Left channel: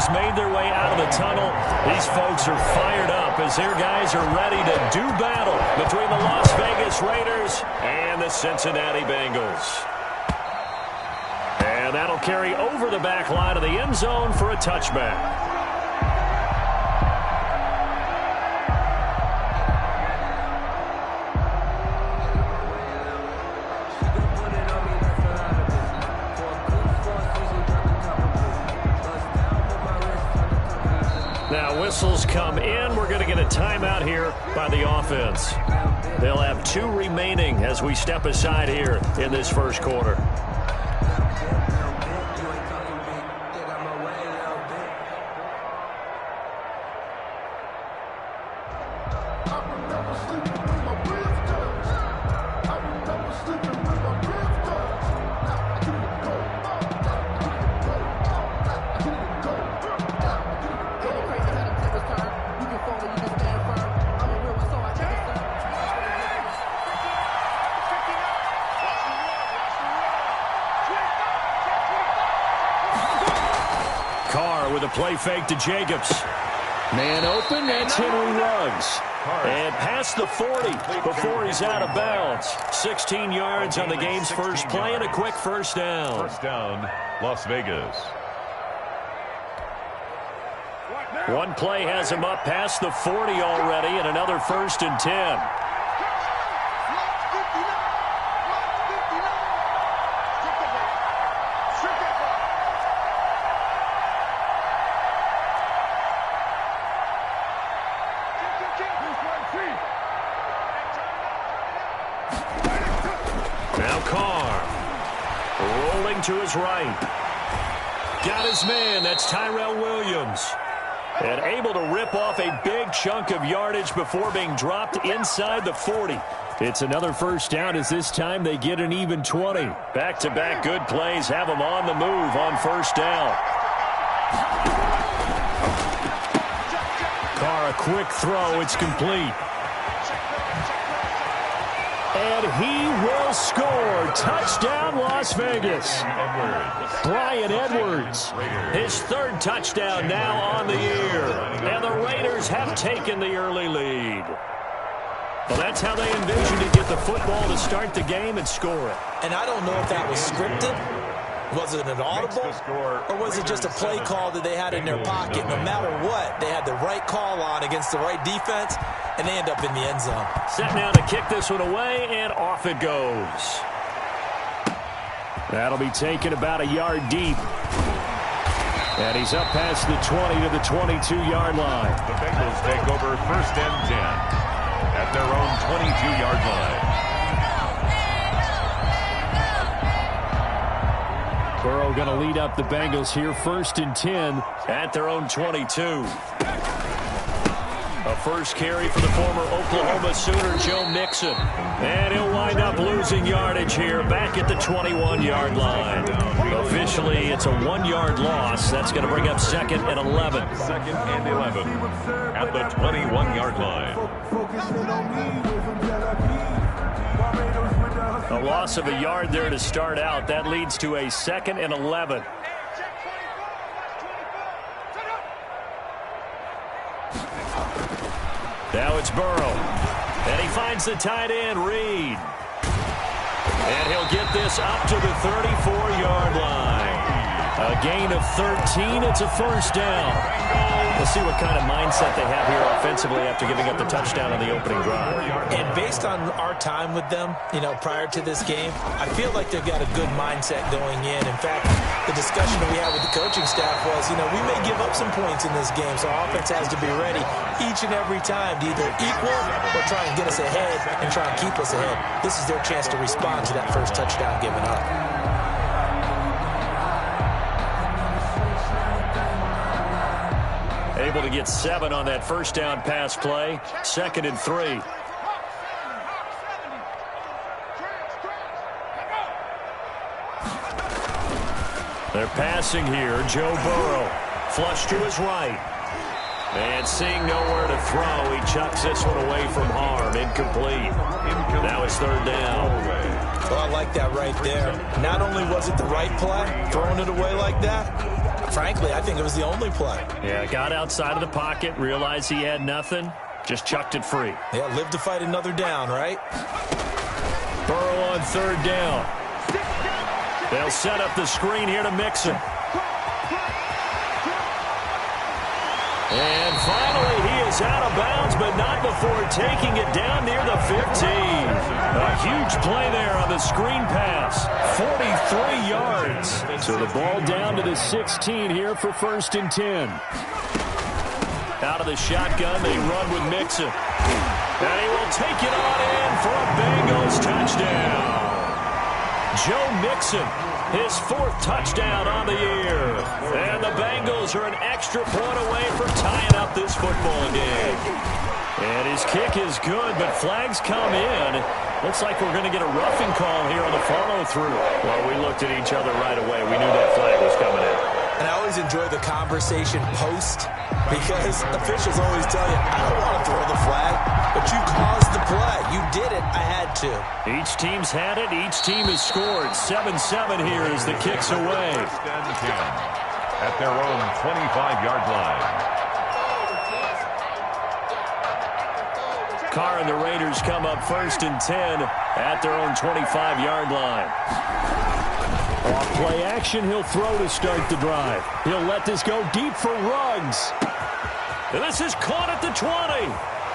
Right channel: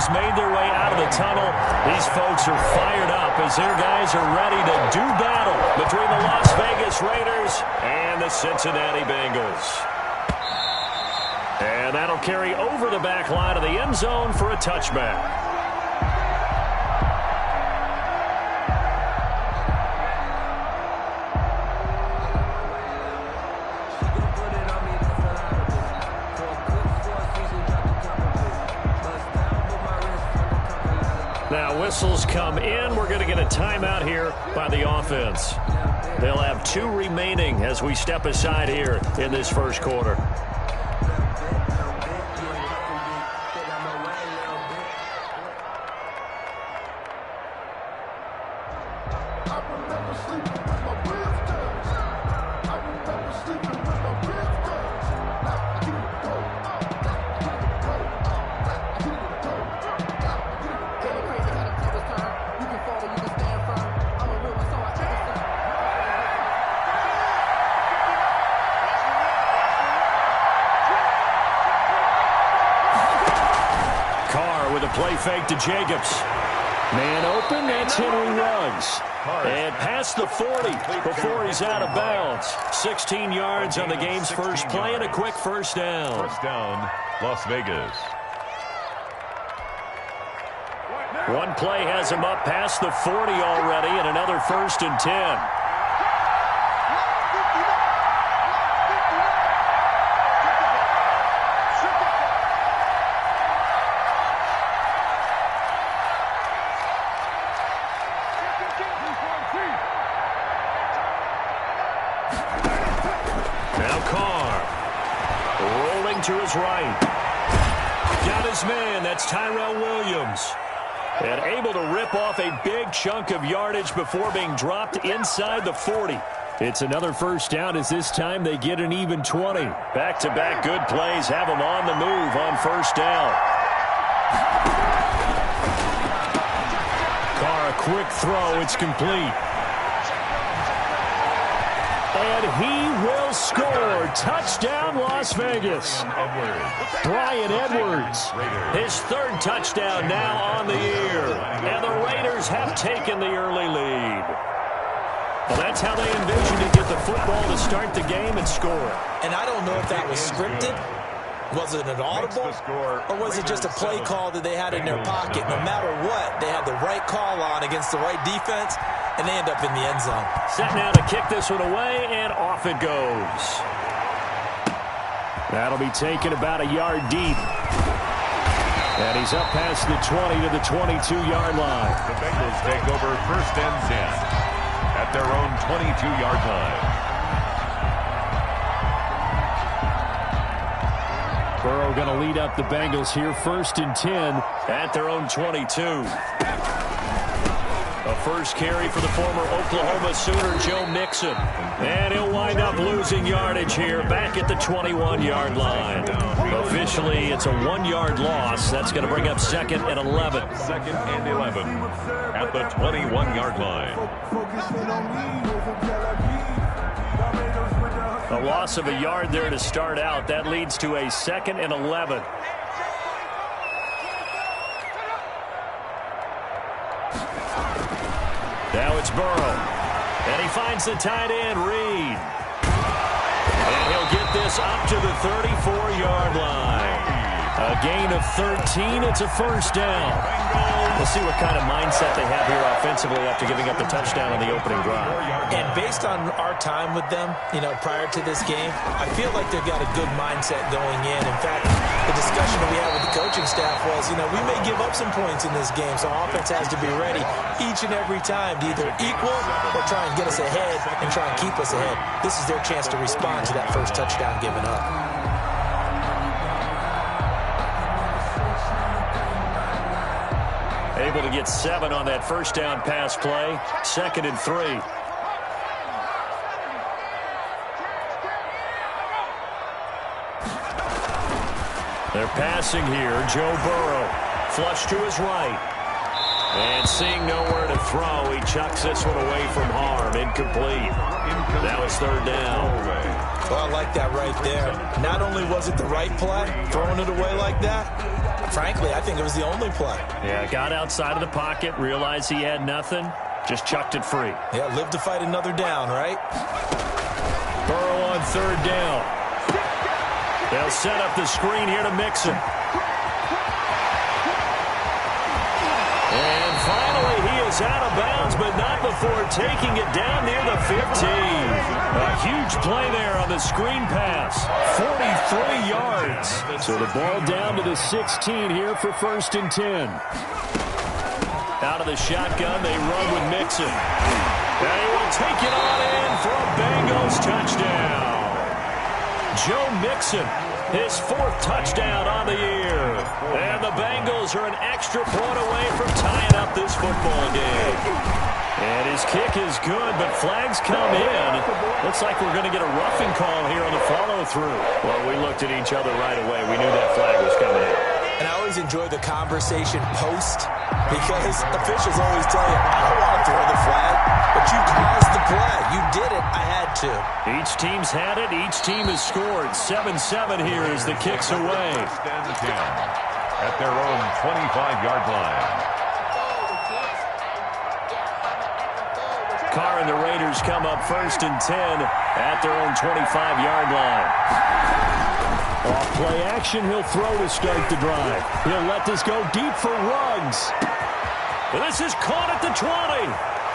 teams made their way out of the tunnel. These folks are fired up as their guys are ready to do battle between the Las Vegas Raiders and the Cincinnati Bengals. And that'll carry over the back line of the end zone for a touchback. Now whistles come in. We're going to get a timeout here by the offense. They'll have 2 remaining as we step aside here in this first quarter. With a play fake to Jacobs. Man open, that's Henry Ruggs. And past the 40 before he's out of bounds. 16 yards on the game's first play and a quick first down. First down, Las Vegas. One play has him up past the 40 already and another 1st and 10. Now Carr, rolling to his right. Got his man, that's Tyrell Williams. And able to rip off a big chunk of yardage before being dropped inside the 40. It's another first down as this time they get an even 20. Back-to-back good plays have them on the move on first down. Carr, a quick throw, it's complete. And he will score. Touchdown, Las Vegas. Brian Edwards. His 3rd touchdown now on the year. And the Raiders have taken the early lead. Well, that's how they envision to get the football to start the game and score it. And I don't know if that was scripted. Was it an audible? Or was it just a play call that they had in their pocket? No matter what, they had the right call on against the right defense, and they end up in the end zone. Set now to kick this one away, and off it goes. That'll be taken about a yard deep. And he's up past the 20 to the 22-yard line. The Bengals take over 1st and 10 at their own 22-yard line. Burrow going to lead up the Bengals here, 1st and 10 at their own 22. A first carry for the former Oklahoma Sooner, Joe Mixon. And he'll wind up losing yardage here back at the 21-yard line. Officially, it's a 1-yard loss. That's going to bring up 2nd and 11. 2nd and 11 at the 21-yard line. A loss of a yard there to start out. That leads to a 2nd and 11. Now it's Burrow. And he finds the tight end, Reed. And he'll get this up to the 34-yard line. A gain of 13. It's a first down. We'll see what kind of mindset they have here offensively after giving up the touchdown on the opening drive. And based on our time with them, prior to this game, I feel like they've got a good mindset going in. In fact, the discussion that we had with the coaching staff was, we may give up some points in this game, so our offense has to be ready each and every time to either equal or try and get us ahead and try and keep us ahead. This is their chance to respond to that first touchdown given up. Able to get 7 on that first down pass play. 2nd and 3. They're passing here. Joe Burrow. Flush to his right. And seeing nowhere to throw, he chucks this one away from harm. Incomplete. Now it's 3rd down. Well, I like that right there. Not only was it the right play, throwing it away like that, Frankly, I think it was the only play. Yeah, got outside of the pocket, realized he had nothing, just chucked it free. Yeah, live to fight another down, right? Burrow on third down. They'll set up the screen here to Mixon. And finally, he is out of bounds, but not before taking it down near the 15. A huge play there on the screen pass. 43 yards. So the ball down to the 16 here for 1st and 10. Out of the shotgun, they run with Mixon. And he will take it on in for a Bengals touchdown. Joe Mixon, his 4th touchdown on the year. And the Bengals are an extra point away from tying up this football game. And his kick is good, but flags come in. Looks like we're going to get a roughing call here on the follow-through. Well, we looked at each other right away. We knew that flag was coming out. And I always enjoy the conversation post because officials always tell you, I don't want to throw the flag, but you caused the play. You did it. I had to. Each team's had it. Each team has scored. 7-7 here as the kick's away. 1st and 10 at their own 25-yard line. Carr and the Raiders come up 1st and 10 at their own 25-yard line. Off play action, he'll throw to start the drive. He'll let this go deep for Ruggs. And this is caught at the 20.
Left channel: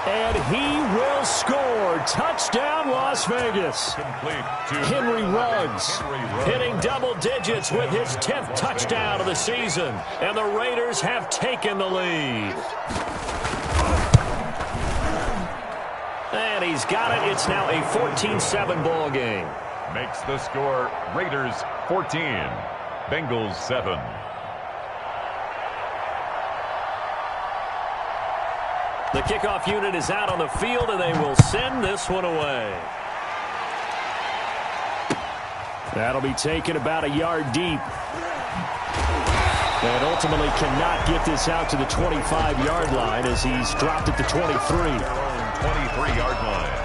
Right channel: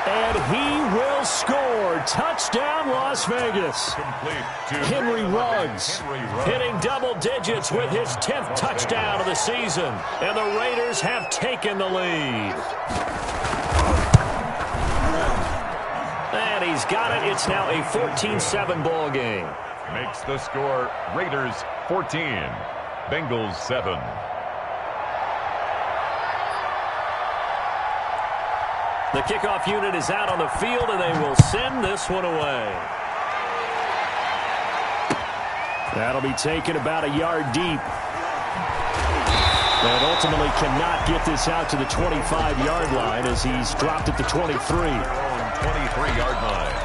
And he will score. Touchdown, Las Vegas. Complete to Henry Ruggs hitting double digits with his 10th touchdown of the season. And the Raiders have taken the lead. And he's got it. It's now a 14-7 ball game. Makes the score Raiders 14, Bengals 7. The kickoff unit is out on the field, and they will send this one away. That'll be taken about a yard deep. And ultimately cannot get this out to the 25-yard line as he's dropped at the 23. Their own 23-yard line.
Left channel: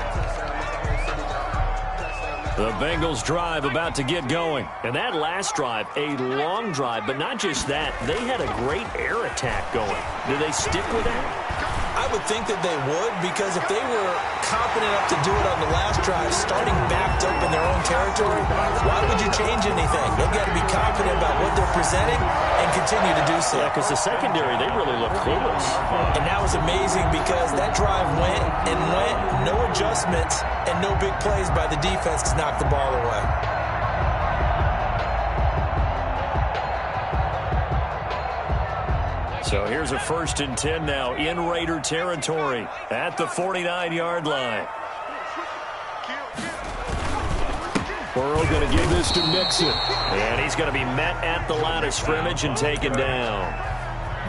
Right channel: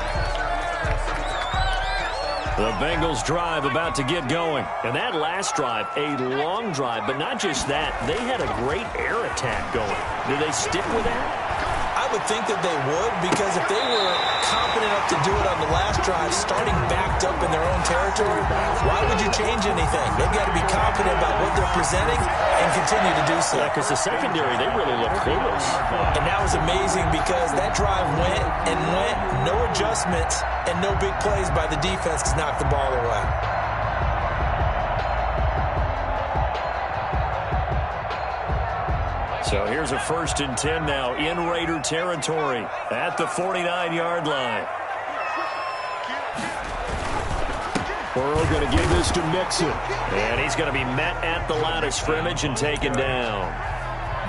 The Bengals drive about to get going. And that last drive, a long drive, but not just that. They had a great air attack going. Do they stick with that? I would think that they would, because if they were confident enough to do it on the last drive, starting backed up in their own territory, why would you change anything? They've got to be confident about what they're presenting and continue to do so. Yeah, because the secondary, they really look clueless. And that was amazing because that drive went and went, no adjustments and no big plays by the defense to knock the ball away. So here's a 1st and 10 now in Raider territory at the 49-yard line. Burrow going to give this to Mixon. And he's going to be met at the line of scrimmage and taken down.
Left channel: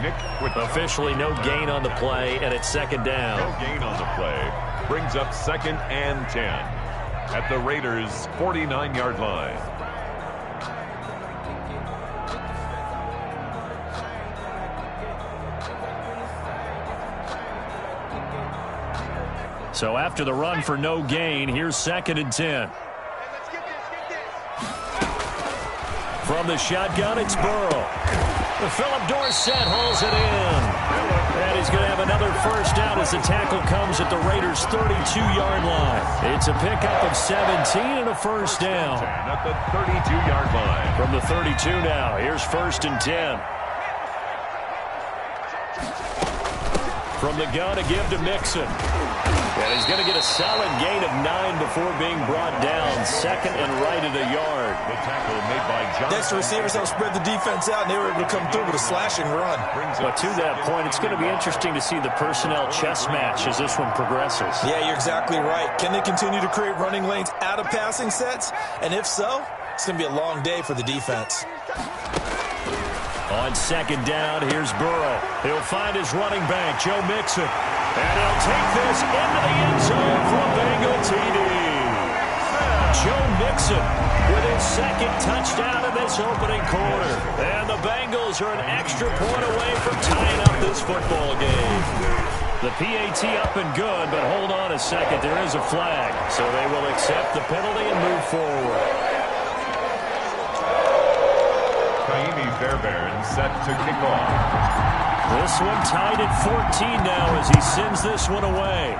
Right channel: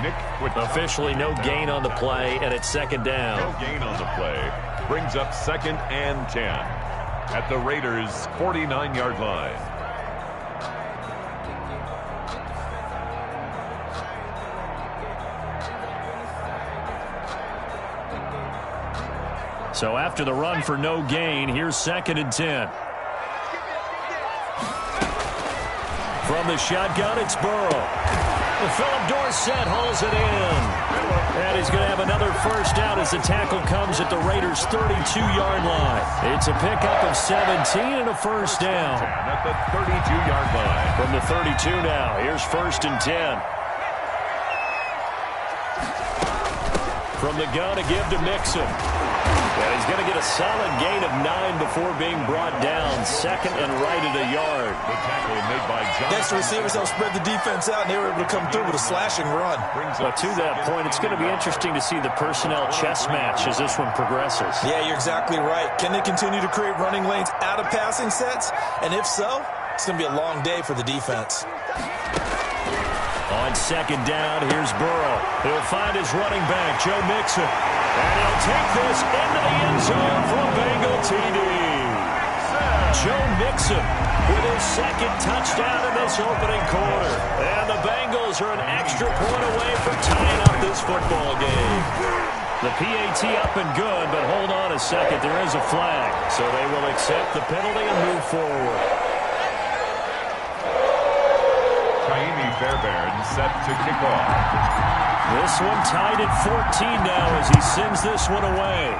Nick with officially no gain on the play, and it's 2nd down. No gain on the play. Brings up 2nd and 10 at the Raiders' 49-yard line. So after the run for no gain, here's 2nd and 10. From the shotgun, it's Burrow. Philip Dorsett hauls it in. And he's going to have another 1st down as the tackle comes at the Raiders' 32-yard line. It's a pickup of 17 and a 1st down. At the 32-yard line. From the 32 now, here's 1st and 10. From the gun, a give to Mixon. And he's going to get a solid gain of 9 before being brought down. 2nd and right at a yard. The tackle made by John. Next, the receivers helped spread the defense out, and they were able to come through with a slashing run. But to that point, it's going to be interesting to see the personnel chess match as this one progresses. Yeah, you're exactly right. Can they continue to create running lanes out of passing sets? And if so, it's going to be a long day for the defense. On 2nd down, here's Burrow. He'll find his running back, Joe Mixon. And he'll take this into the end zone for a Bengal TD. Joe Mixon with his 2nd touchdown in this opening quarter. And the Bengals are an extra point away from tying up this football game. The PAT up and good, but hold on a second. There is a flag. So they will accept the penalty and move forward. Fairbairn set to kick off. This one tied at 14 now as he sends this one away.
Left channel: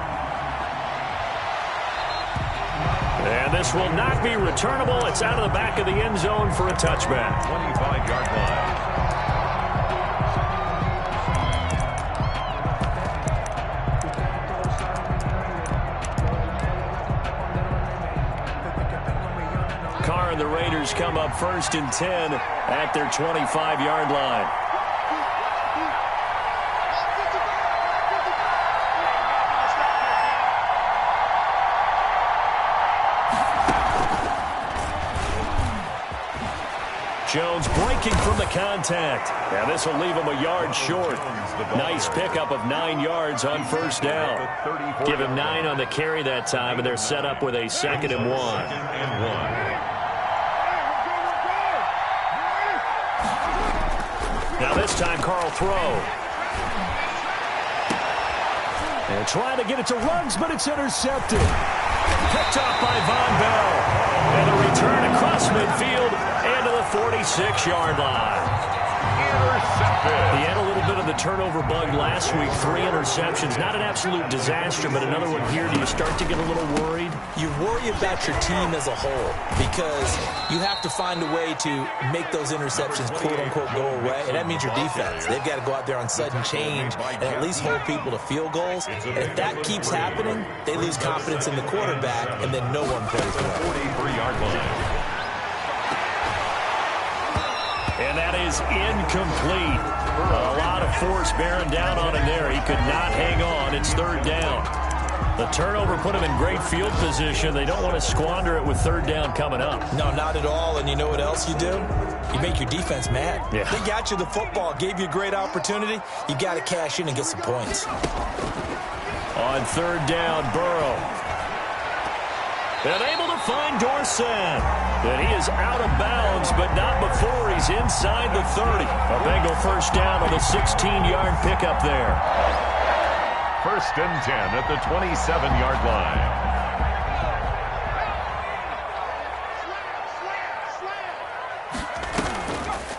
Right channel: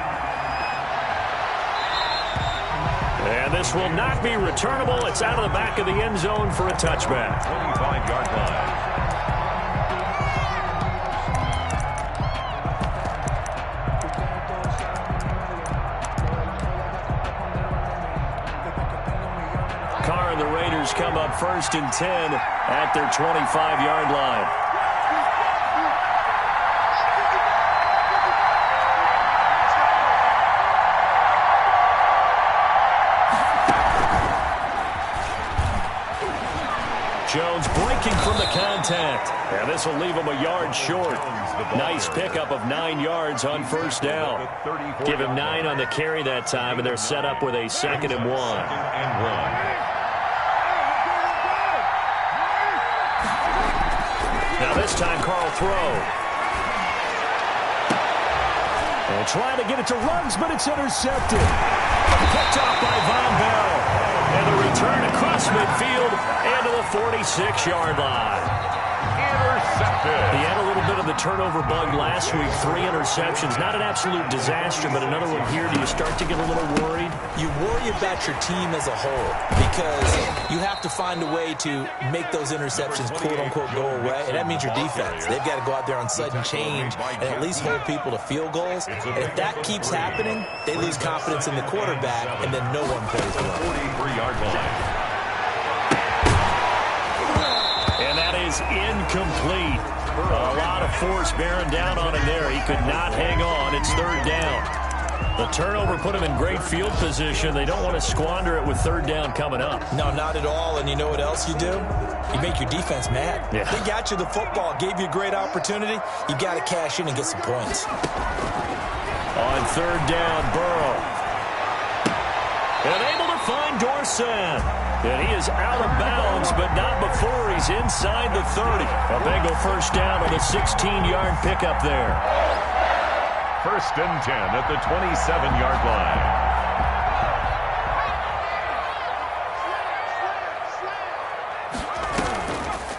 And this will not be returnable. It's out of the back of the end zone for a touchback. 25-yard line. Carr and the Raiders come up 1st and 10 at their 25-yard line. Jones breaking from the contact. And this will leave him a yard short. Nice pickup of 9 yards on 1st down. Give him 9 on the carry that time, and they're set up with a 2nd and 1. Now this time, Carl throw. And trying to get it to Ruggs, but it's intercepted. Picked off by Von Bell. And the return across midfield and to the 46-yard line. Intercepted. He had a little bit of the turnover bug last week. 3 interceptions. Not an absolute disaster, but another one here. Do you start to get a little worried? You worry about your team as a whole because you have to find a way to make those interceptions, quote-unquote, go away. And that means your defense. They've got to go out there on sudden change and at least hold people to field goals. And if that keeps happening, they lose confidence in the quarterback, and then no one plays well. 43-yard line. And that is incomplete. A lot of force bearing down on him there. He could not hang on. It's 3rd down. The turnover put him in great field position. They don't want to squander it with 3rd down coming up. No, not at all. And you know what else you do? You make your defense mad. Yeah. They got you the football, gave you a great opportunity. You got to cash in and get some points. On 3rd down, Burrow. And able to find Dorsett. And he is out of bounds, but not before he's inside the 30. A Bengal 1st down on the 16-yard pickup there. 1st and 10 at the 27-yard line.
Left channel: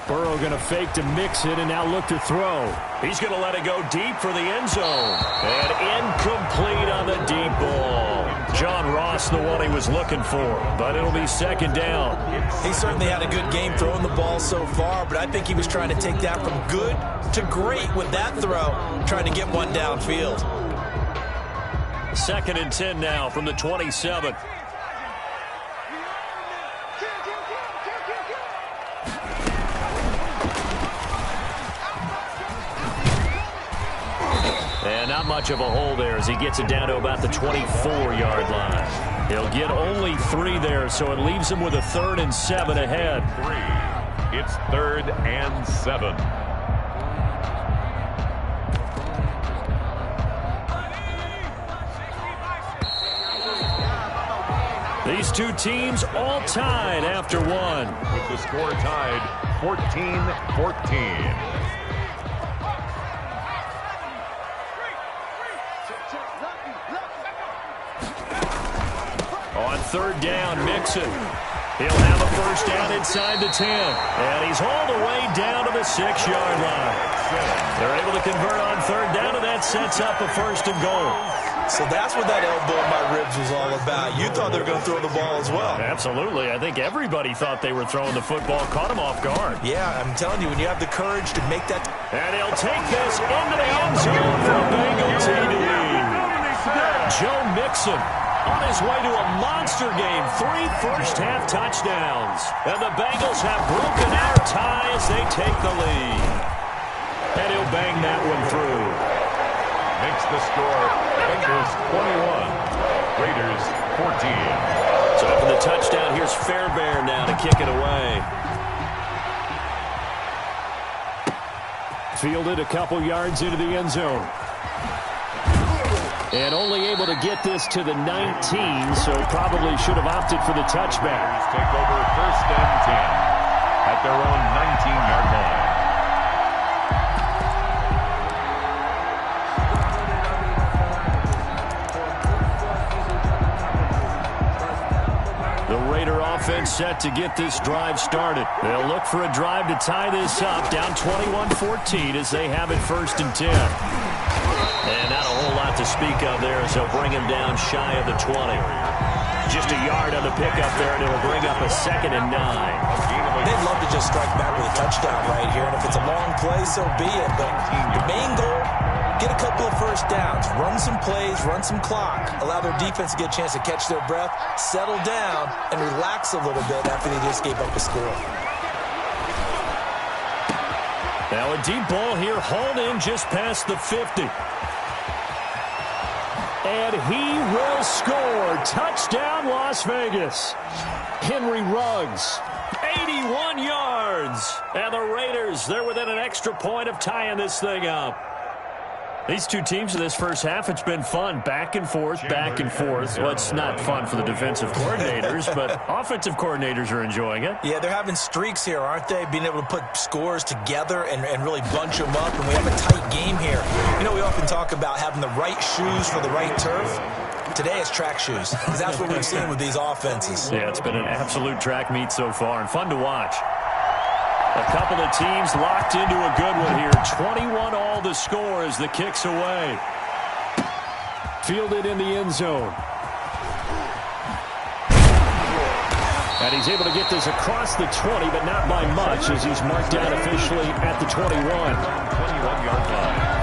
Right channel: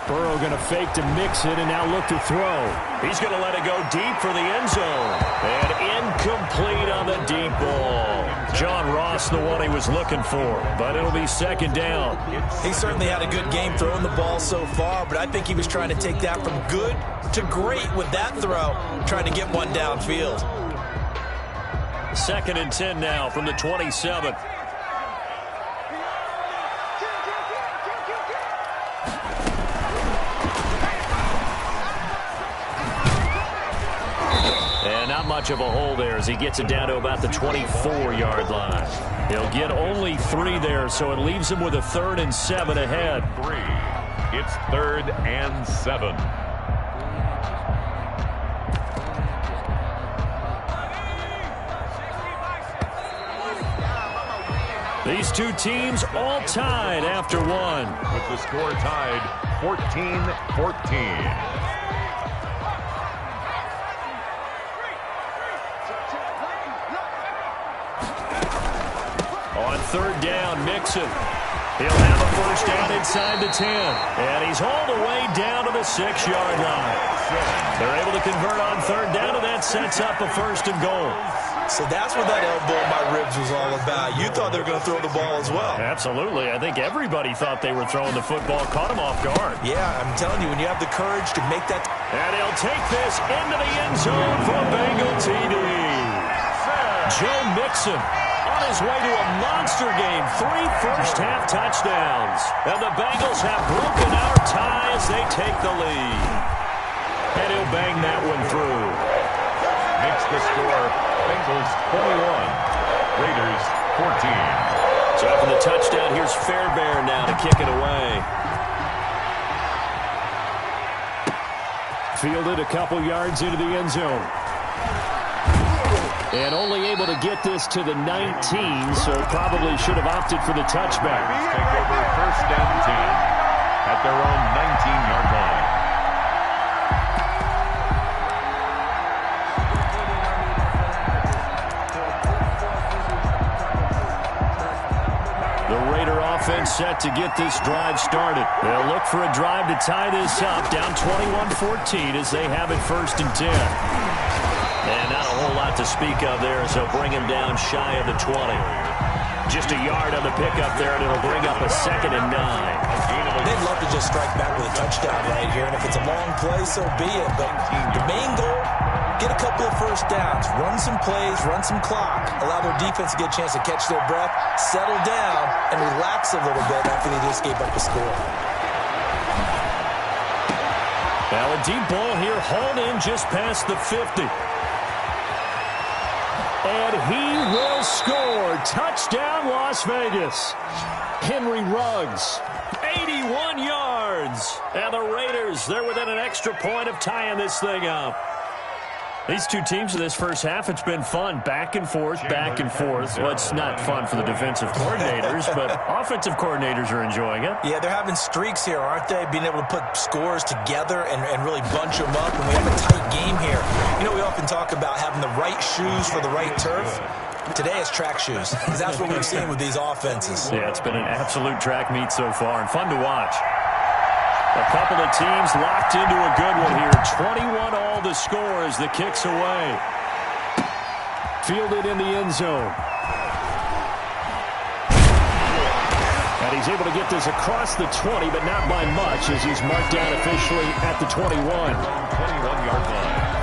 Burrow going to fake to mix it and now look to throw. He's going to let it go deep for the end zone. And incomplete on the deep ball. John Ross, the one he was looking for, but it'll be 2nd down. He certainly had a good game throwing the ball so far, but I think he was trying to take that from good to great with that throw, trying to get one downfield. 2nd and 10 now from the 27. And not much of a hole there as he gets it down to about the 24-yard line. He'll get only 3 there, so it leaves him with a 3rd and 7 ahead. 3. It's 3rd and 7. These two teams all tied after one. With the score tied 14-14. On 3rd down, Mixon. He'll have a 1st down inside the 10. And he's hauled away down to the 6-yard line. They're able to convert on 3rd down, and that sets up a 1st and goal. So that's what that elbow in my ribs was all about. You thought they were going to throw the ball as well. Absolutely. I think everybody thought they were throwing the football, caught him off guard. Yeah, I'm telling you, when you have the courage to make that. And he'll take this into the end zone for a Bengal TD. Joe Mixon on his way to a monster game. 3 first-half touchdowns. And the Bengals have broken our tie as they take the lead. And he'll bang that one through. Makes the score Bengals 21, Raiders 14. So after the touchdown, here's Fairbairn now to kick it away. Fielded a couple yards into the end zone. And only able to get this to the 19, so probably should have opted for the touchback. Raiders take over 1st and 10 at their own 19-yard line. The Raider offense set to get this drive started. They'll look for a drive to tie this up, down 21-14 as they have it 1st and 10. And not a whole lot to speak of there as they'll bring him down shy of the 20. Just a yard on the pickup there, and it'll bring up a 2nd and 9. They'd love to just strike back with a touchdown right here, and if it's a long play, so be it. But the main goal, get a couple of first downs, run some plays, run some clock, allow their defense to get a chance to catch their breath, settle down, and relax a little bit after they just gave up a score. Now a deep ball here, hauled in just past the 50. And he will score. Touchdown, Las Vegas. Henry Ruggs, 81 yards. And the Raiders, they're within an extra point of tying this thing up. These two teams in this first half, it's been fun. Back and forth, back and forth. Well, it's not fun for the defensive coordinators, but offensive coordinators are enjoying it. Yeah, they're having streaks here, aren't they? Being able to put scores together and really bunch them up, and we have a tight game here. You know, we often talk about having the right shoes for the right turf. Today it's track shoes, because that's what we've seen with these offenses. Yeah, it's been an absolute track meet so far, and fun to watch. A couple of teams locked into a good one here. 21 all the score as the kick's away. Fielded in the end zone. And he's able to get this across the 20, but not by much, as he's marked down officially at the 21. 21-yard line.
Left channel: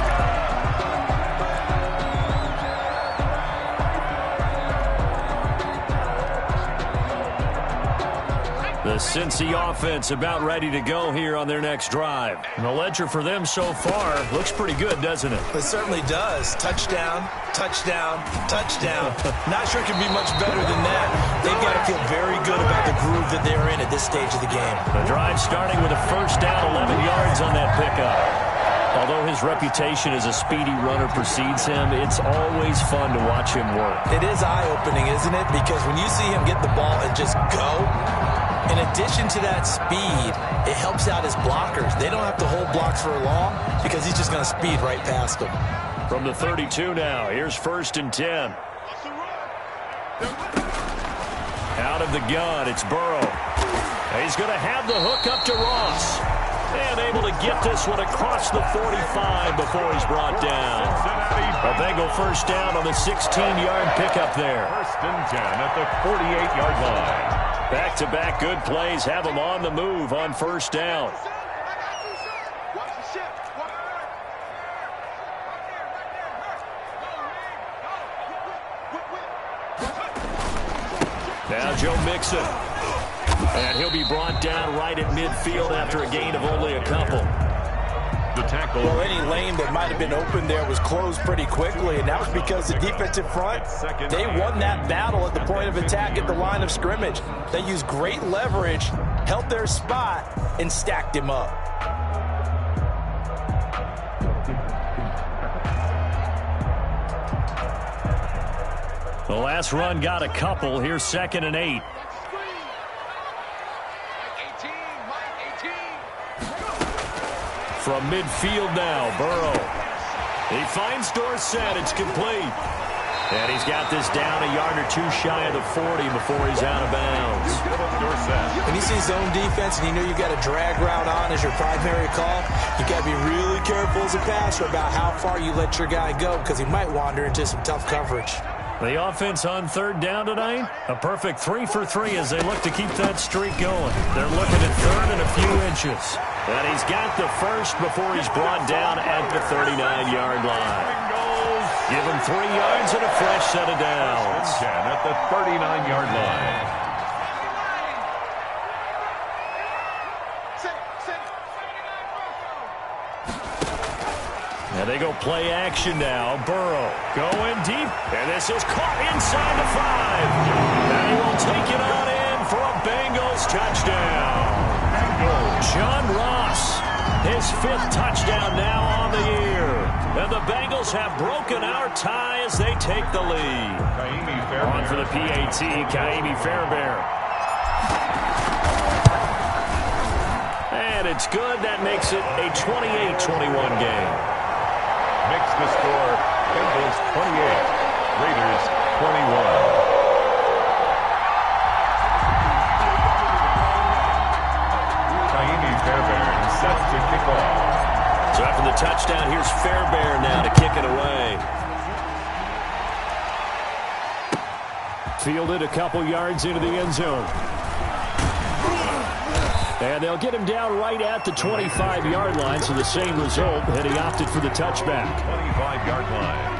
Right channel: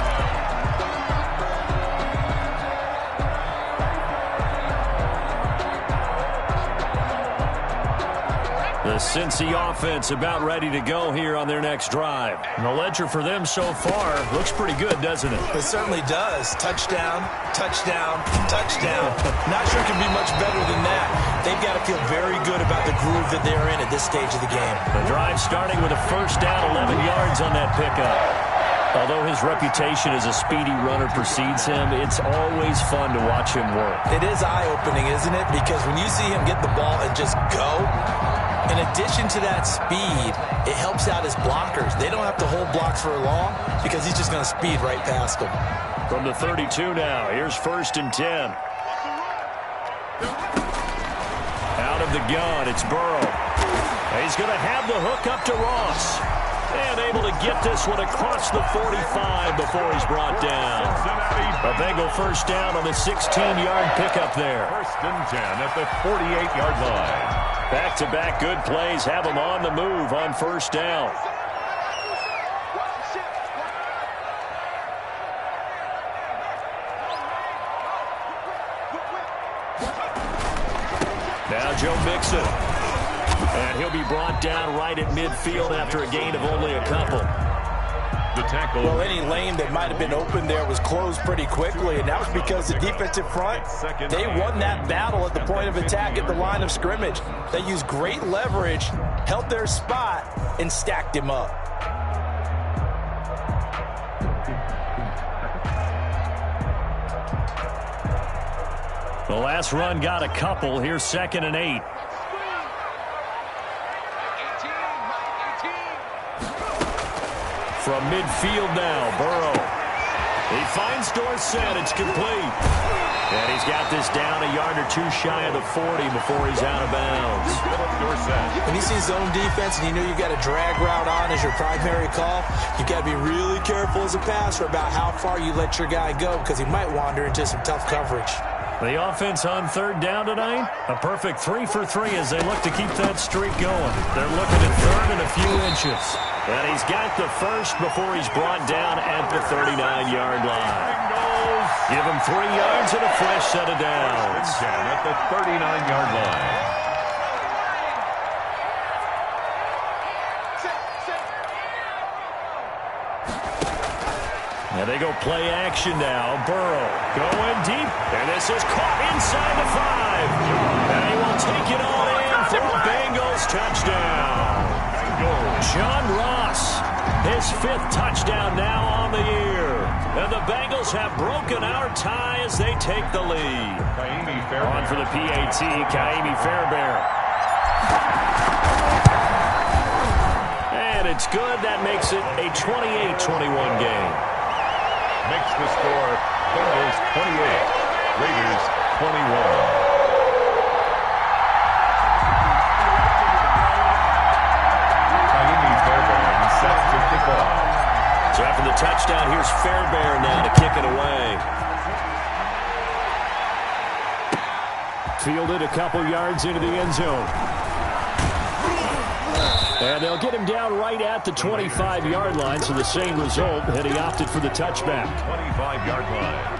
The Cincy offense about ready to go here on their next drive. And the ledger for them so far looks pretty good, doesn't it? It certainly does. Touchdown, touchdown, touchdown. Not sure it can be much better than that. They've got to feel very good about the groove that they're in at this stage of the game. The drive starting with a first down, 11 yards on that pickup. Although his reputation as a speedy runner precedes him, it's always fun to watch him work. It is eye-opening, isn't it? Because when you see him get the ball and just go, in addition to that speed, it helps out his blockers. They don't have to hold blocks for long because he's just going to speed right past them. From the 32 now, here's 1st and 10. Out of the gun, it's Burrow. He's going to have the hook up to Ross. And able to get this one across the 45 before he's brought down. A Bengal first down on the 16-yard pickup there. 1st and 10 at the 48-yard line. Back-to-back good plays have him on the move on first down. Now Joe Mixon. And he'll be brought down right at midfield after a gain of only a couple. The tackle. Well, any lane that might have been open there was closed pretty quickly, and that was because the defensive front, they won that battle at the point of attack at the line of scrimmage. They used great leverage, held their spot, and stacked him up. The last run got a couple. Here's 2nd and 8. From midfield now, Burrow. He finds Dorsett. It's complete. And he's got this down a yard or two shy of the 40 before he's out of bounds. When you see zone defense and you know you've got a drag route on as your primary call, you've got to be really careful as a passer about how far you let your guy go because he might wander into some tough coverage. The offense on 3rd down tonight, a perfect 3 for 3 as they look to keep that streak going. They're looking at 3rd and a few inches. And he's got the first before he's brought down at the 39-yard line. Give him 3 yards and a fresh set of downs. 1st and 10 at the 39-yard line. And they go play action now. Burrow going deep. And this is caught inside the 5. And he will take it on in for a Bengals touchdown. John Ross, his 5th touchdown now on the year. And the Bengals have broken our tie as they take the lead. On for the PAT, Kaimi Fairbairn. And it's good. That makes it a 28-21 game. Makes the score Bengals 28, Raiders 21. set to kick off. So after the touchdown, here's Fairbairn now to kick it away. Fielded a couple yards into the end zone. And they'll get him down right at the 25-yard line, so the same result, and he opted for the touchback. 25-yard line.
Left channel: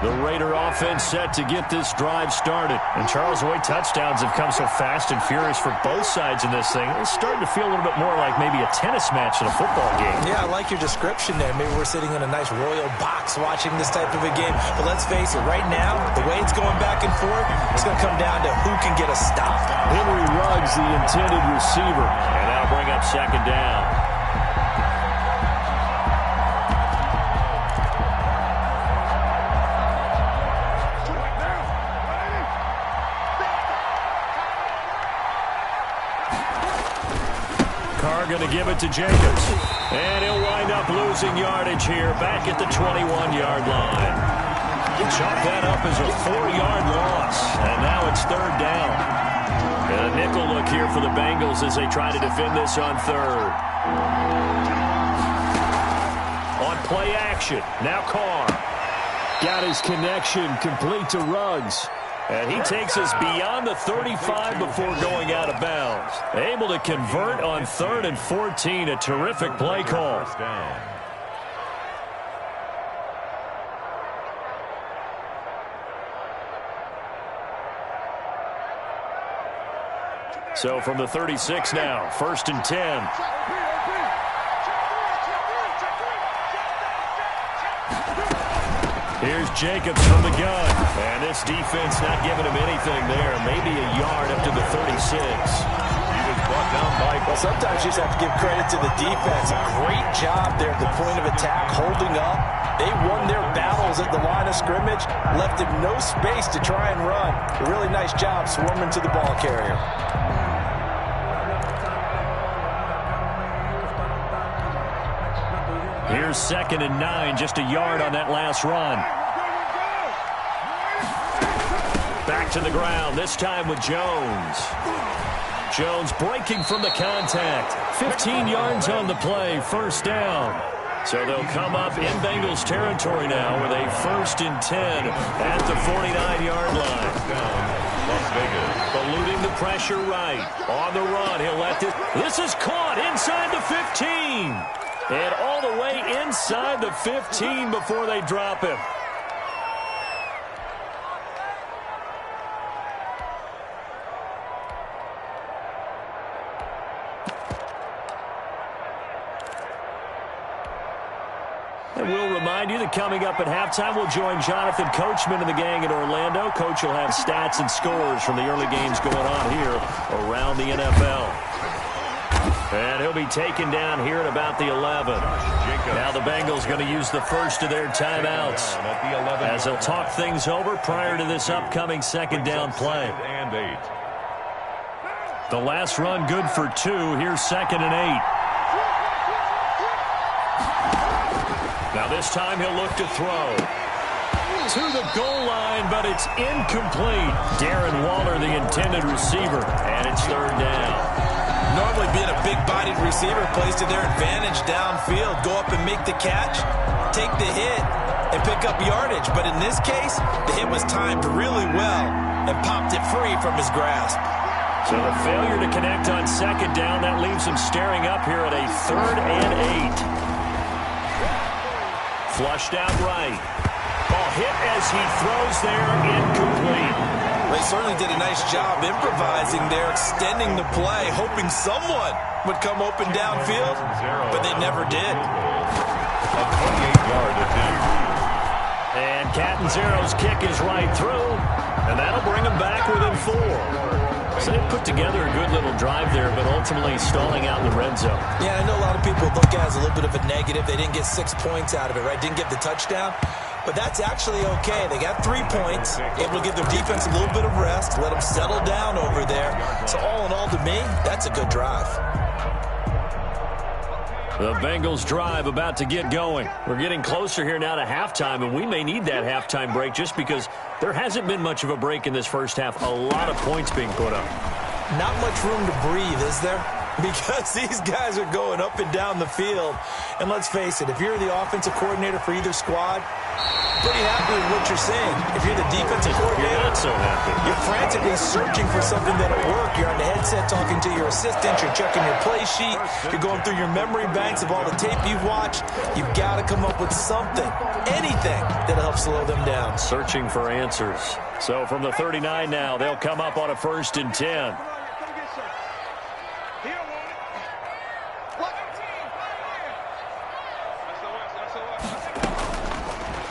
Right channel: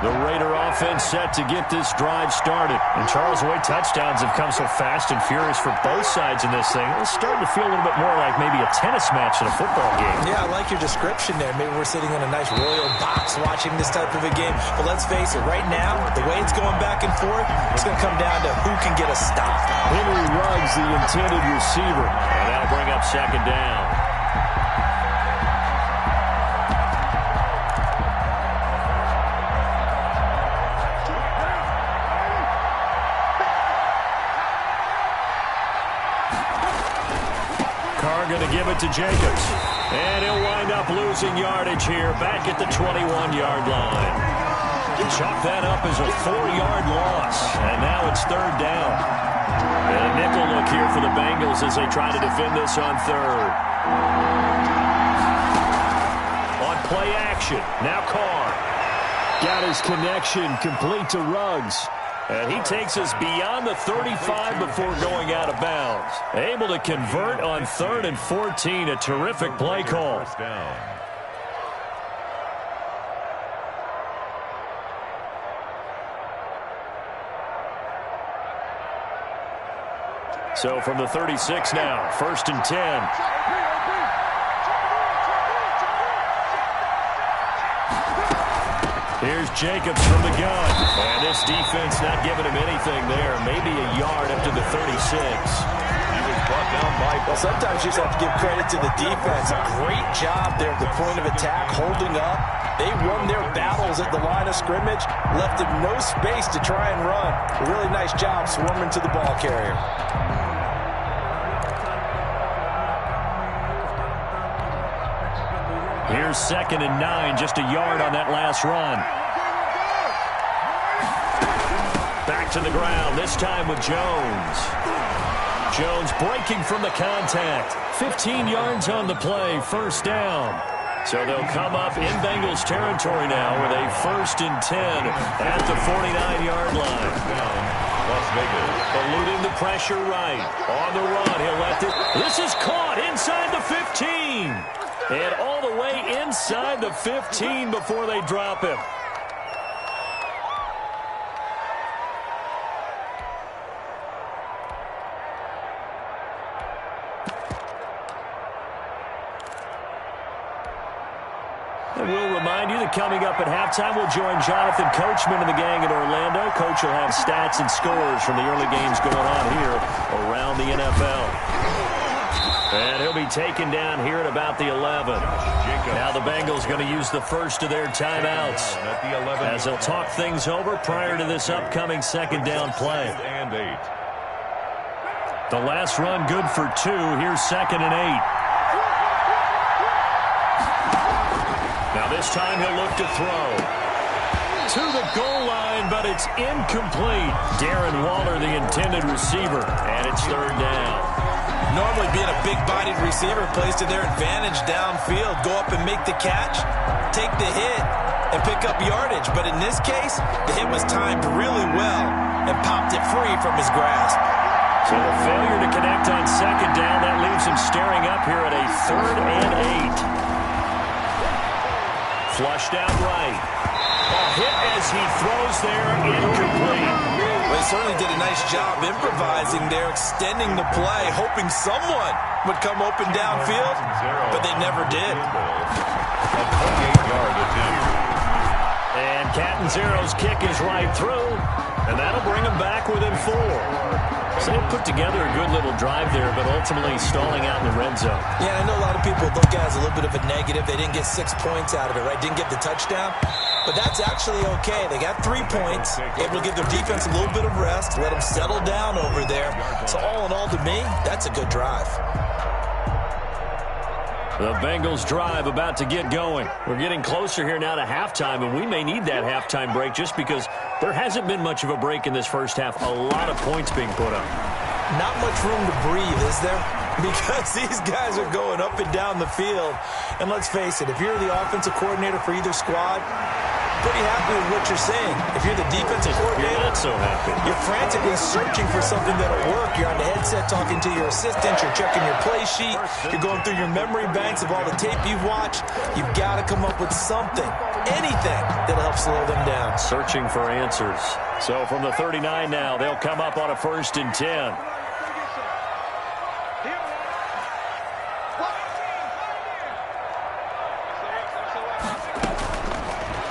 The Raider offense set to get this drive started. And Charles, the way touchdowns have come so fast and furious for both sides in this thing, it's starting to feel a little bit more like maybe a tennis match in a football game. Yeah, I like your description there. Maybe we're sitting in a nice royal box watching this type of a game. But let's face it, right now, the way it's going back and forth, it's going to come down to who can get a stop. Henry Ruggs, the intended receiver. And that'll bring up second down. Going to give it to Jacobs. And he'll wind up losing yardage here back at the 21-yard line. Chalk that up as a 4-yard loss. And now it's third down. And a nickel look here for the Bengals as they try to defend this on third. On play action. Now Carr. Got his connection complete to Ruggs. And he takes us beyond the 35 before going out of bounds. Able to convert on 3rd and 14. A terrific play call. So from the 36 now, 1st and 10. Here's Jacobs from the gun. And this defense not giving him anything there. Maybe a yard up to the 36. He was brought down by... Well, sometimes you just have to give credit to the defense. Great job there at the point of attack, holding up. They won their battles at the line of scrimmage, left him no space to try and run. A really nice job swarming to the ball carrier. Here's 2nd and 9, just a yard on that last run. Back to the ground, this time with Jones. Jones breaking from the contact. 15 yards on the play, 1st down. So they'll come up in Bengals territory now with a 1st and 10 at the 49-yard line. Las Vegas. Eluding the pressure right. On the run, he'll let this. This is caught inside the 15. And all the way inside the 15 before they drop him. And we'll remind you that coming up at halftime, we'll join Jonathan Coachman and the gang in Orlando. Coach will have stats and scores from the early games going on here around the NFL. And he'll be taken down here at about the 11. Now the Bengals going to use the first of their timeouts as they'll talk things over prior to this upcoming 2nd down play. The last run good for 2. Here's 2nd and 8. Now this time he'll look to throw. To the goal line, but it's incomplete. Darren Waller, the intended receiver, and it's 3rd down. Normally being a big-bodied receiver plays to their advantage downfield. Go up and make the catch, take the hit, and pick up yardage. But in this case, the hit was timed really well and popped it free from his grasp. So the failure to connect on 2nd down, that leaves him staring up here at a 3rd and 8. Flushed out right. Oh, hit as he throws there, incomplete. They certainly did a nice job improvising there, extending the play, hoping someone would come open downfield, but they never did. A 28-yard attempt. And Catanzaro's kick is right through, and that'll bring them back within 4. So they put together a good little drive there, but ultimately stalling out in the red zone. Yeah, I know a lot of people look at it as a little bit of a negative. They didn't get 6 points out of it, right? Didn't get the touchdown. But that's actually okay. They got 3 points, able to give their defense a little bit of rest, let them settle down over there. So all in all, to me, that's a good drive. The Bengals drive about to get going. We're getting closer here now to halftime, and we may need that halftime break just because there hasn't been much of a break in this first half. A lot of points being put up. Not much room to breathe, is there? Because these guys are going up and down the field. And let's face it, if you're the offensive coordinator for either squad, pretty happy with what you're seeing. If you're the defensive coordinator, you're not so happy. You're frantically searching for something that'll work. You're on the headset talking to your assistant. You're checking your play sheet. You're going through your memory banks of all the tape you've watched. You've got to come up with something, anything that'll help slow them down. Searching for answers. So from the 39 now, they'll come up on a 1st and 10.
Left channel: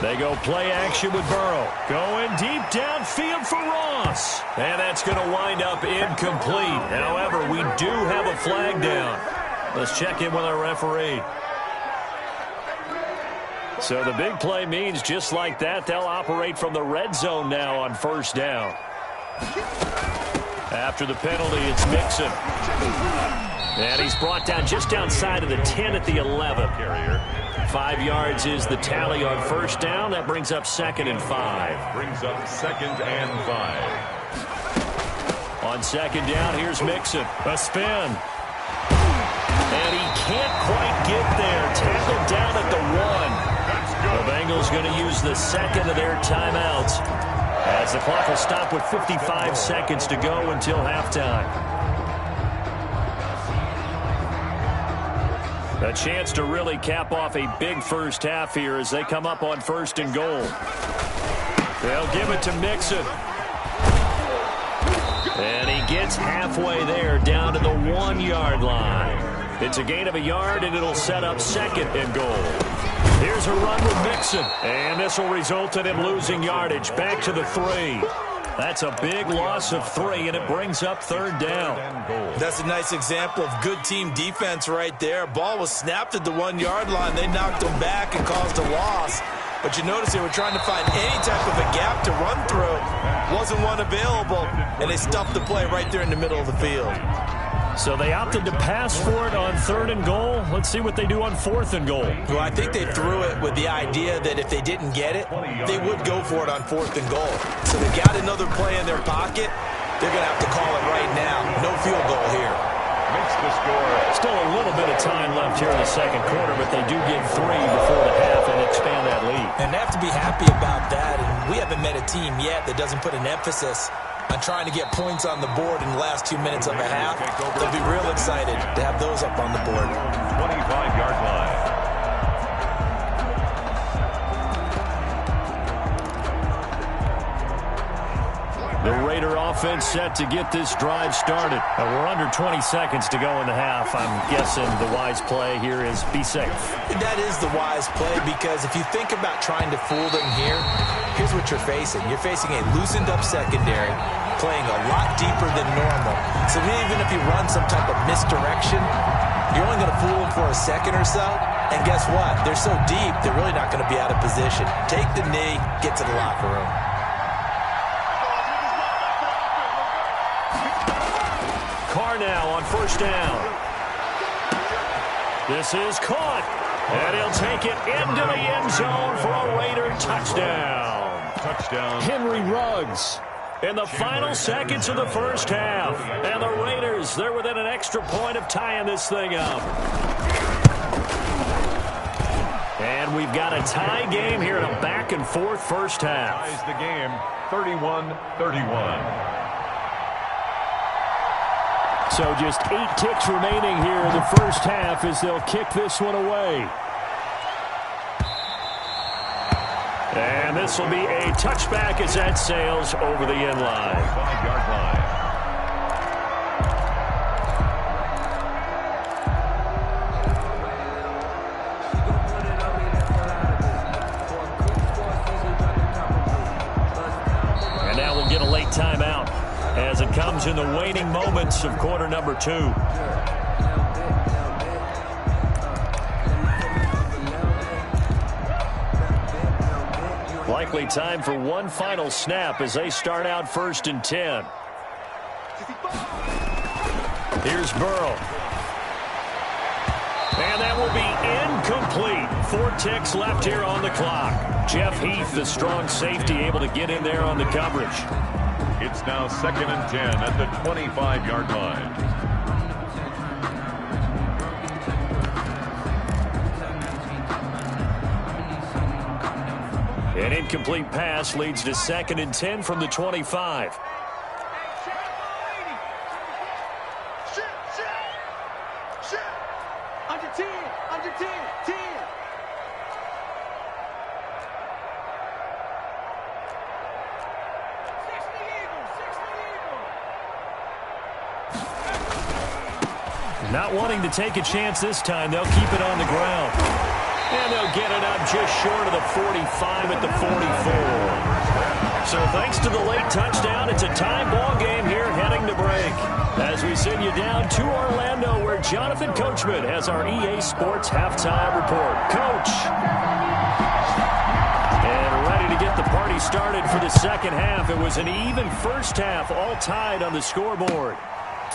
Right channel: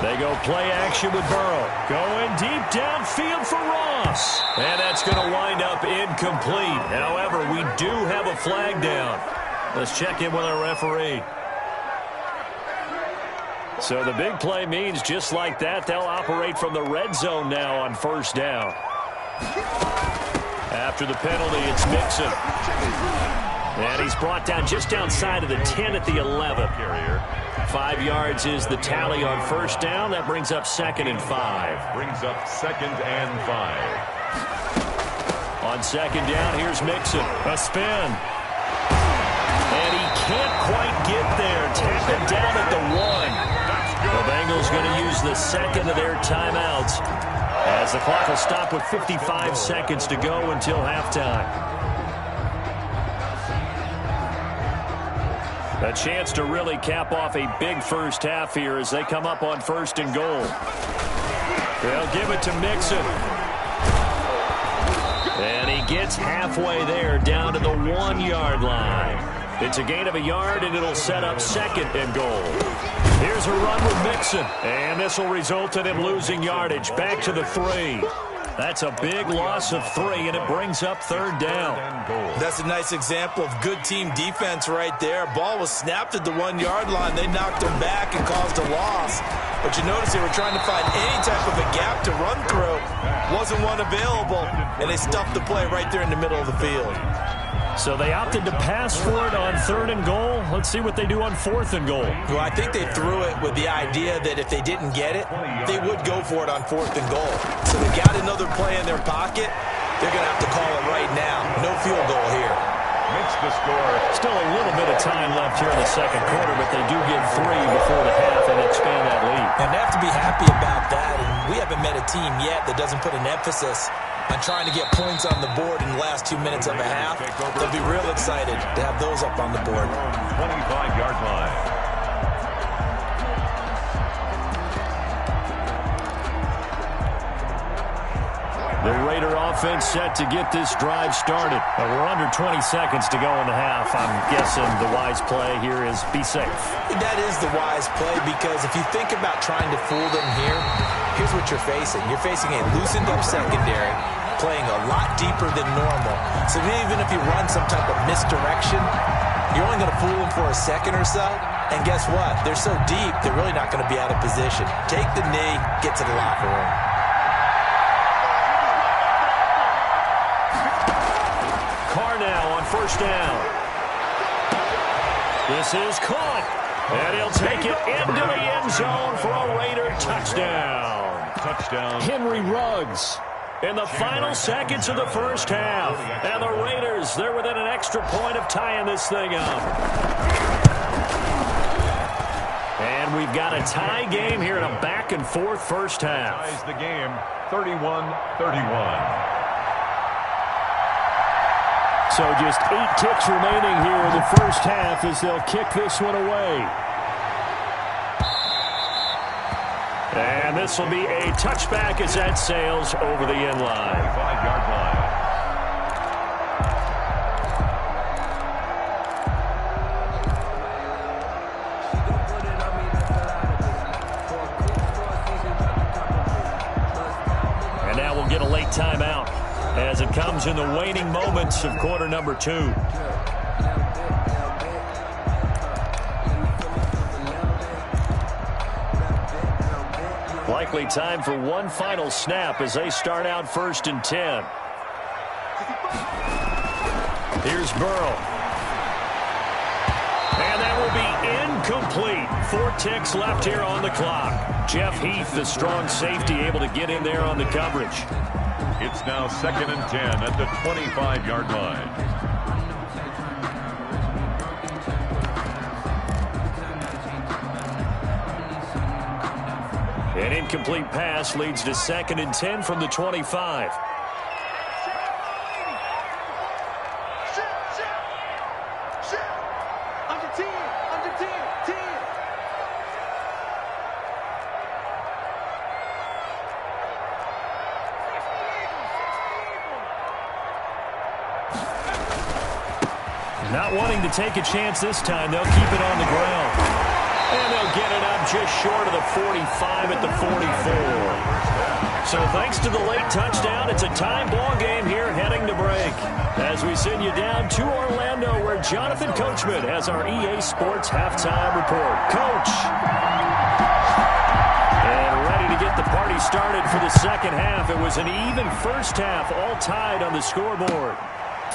They go play action with Burrow. Going deep downfield for Ross. And that's going to wind up incomplete. However, we do have a flag down. Let's check in with our referee. So the big play means just like that, they'll operate from the red zone now on 1st down. After the penalty, it's Mixon. And he's brought down just outside of the 10 at the 11. 5 yards is the tally on 1st down. That brings up 2nd and 5. Brings up 2nd and 5. On 2nd down, here's Mixon. A spin. And he can't quite get there. Tackled down at the 1. The Bengals going to use the 2nd of their timeouts as the clock will stop with 55 seconds to go until halftime. A chance to really cap off a big first half here as they come up on 1st and goal. They'll give it to Mixon. And he gets halfway there down to the 1-yard line. It's a gain of a yard, and it'll set up 2nd and goal. Here's a run with Mixon. And this will result in him losing yardage. Back to the 3. That's a big loss of 3, and it brings up 3rd down. That's a nice example of good team defense right there. Ball was snapped at the 1-yard line. They knocked him back and caused a loss. But you notice they were trying to find any type of a gap to run through. Wasn't one available, and they stuffed the play right there in the middle of the field. So they opted to pass for it on 3rd and goal. Let's see what they do on 4th and goal. Well, I think they threw it with the idea that if they didn't get it, they would go for it on 4th and goal. So they got another play in their pocket. They're going to have to call it right now. No field goal here. Makes the score. Still a little bit of time left here in the 2nd quarter, but they do get 3 before the half and expand that lead. And they have to be happy about that. And we haven't met a team yet that doesn't put an emphasis on trying to get points on the board in the last 2 minutes of a half. They'll be real excited to have those up on the board. 25-yard line. The Raider offense set to get this drive started. We're under 20 seconds to go in the half. I'm guessing the wise play here is be safe. That is the wise play, because if you think about trying to fool them here, here's what you're facing. You're facing a loosened up secondary, playing a lot deeper than normal. So even if you run some type of misdirection, you're only going to fool them for a second or so. And guess what? They're so deep, they're really not going to be out of position. Take the knee, get to the locker room. Carr now on 1st down. This is caught. And he'll take it into the end zone for a Raider touchdown. Touchdown. Henry Ruggs in the final seconds of the first half. And the Raiders, they're within an extra point of tying this thing up. And we've got a tie game here in a back-and-forth first half. Ties the game 31-31. So just 8 kicks remaining here in the first half as they'll kick this one away. And this will be a touchback as that sails over the end line. 5-yard line. And now we'll get a late timeout as it comes in the waning moments of quarter number 2. Likely time for one final snap as they start out 1st and 10. Here's Burrow. And that will be incomplete. 4 ticks left here on the clock. Jeff Heath, the strong safety, able to get in there on the coverage. It's now 2nd and 10 at the 25-yard line. An incomplete pass leads to 2nd and 10 from the 25. Under 10, 10. Not wanting to take a chance this time, they'll keep it on the ground. And they'll get it up just short of the 45 at the 44. So thanks to the late touchdown, it's a tie ball game here heading to break. As we send you down to Orlando, where Jonathan Coachman has our EA Sports halftime report. Coach. And ready to get the party started for the second half. It was an even first half, all tied on the scoreboard.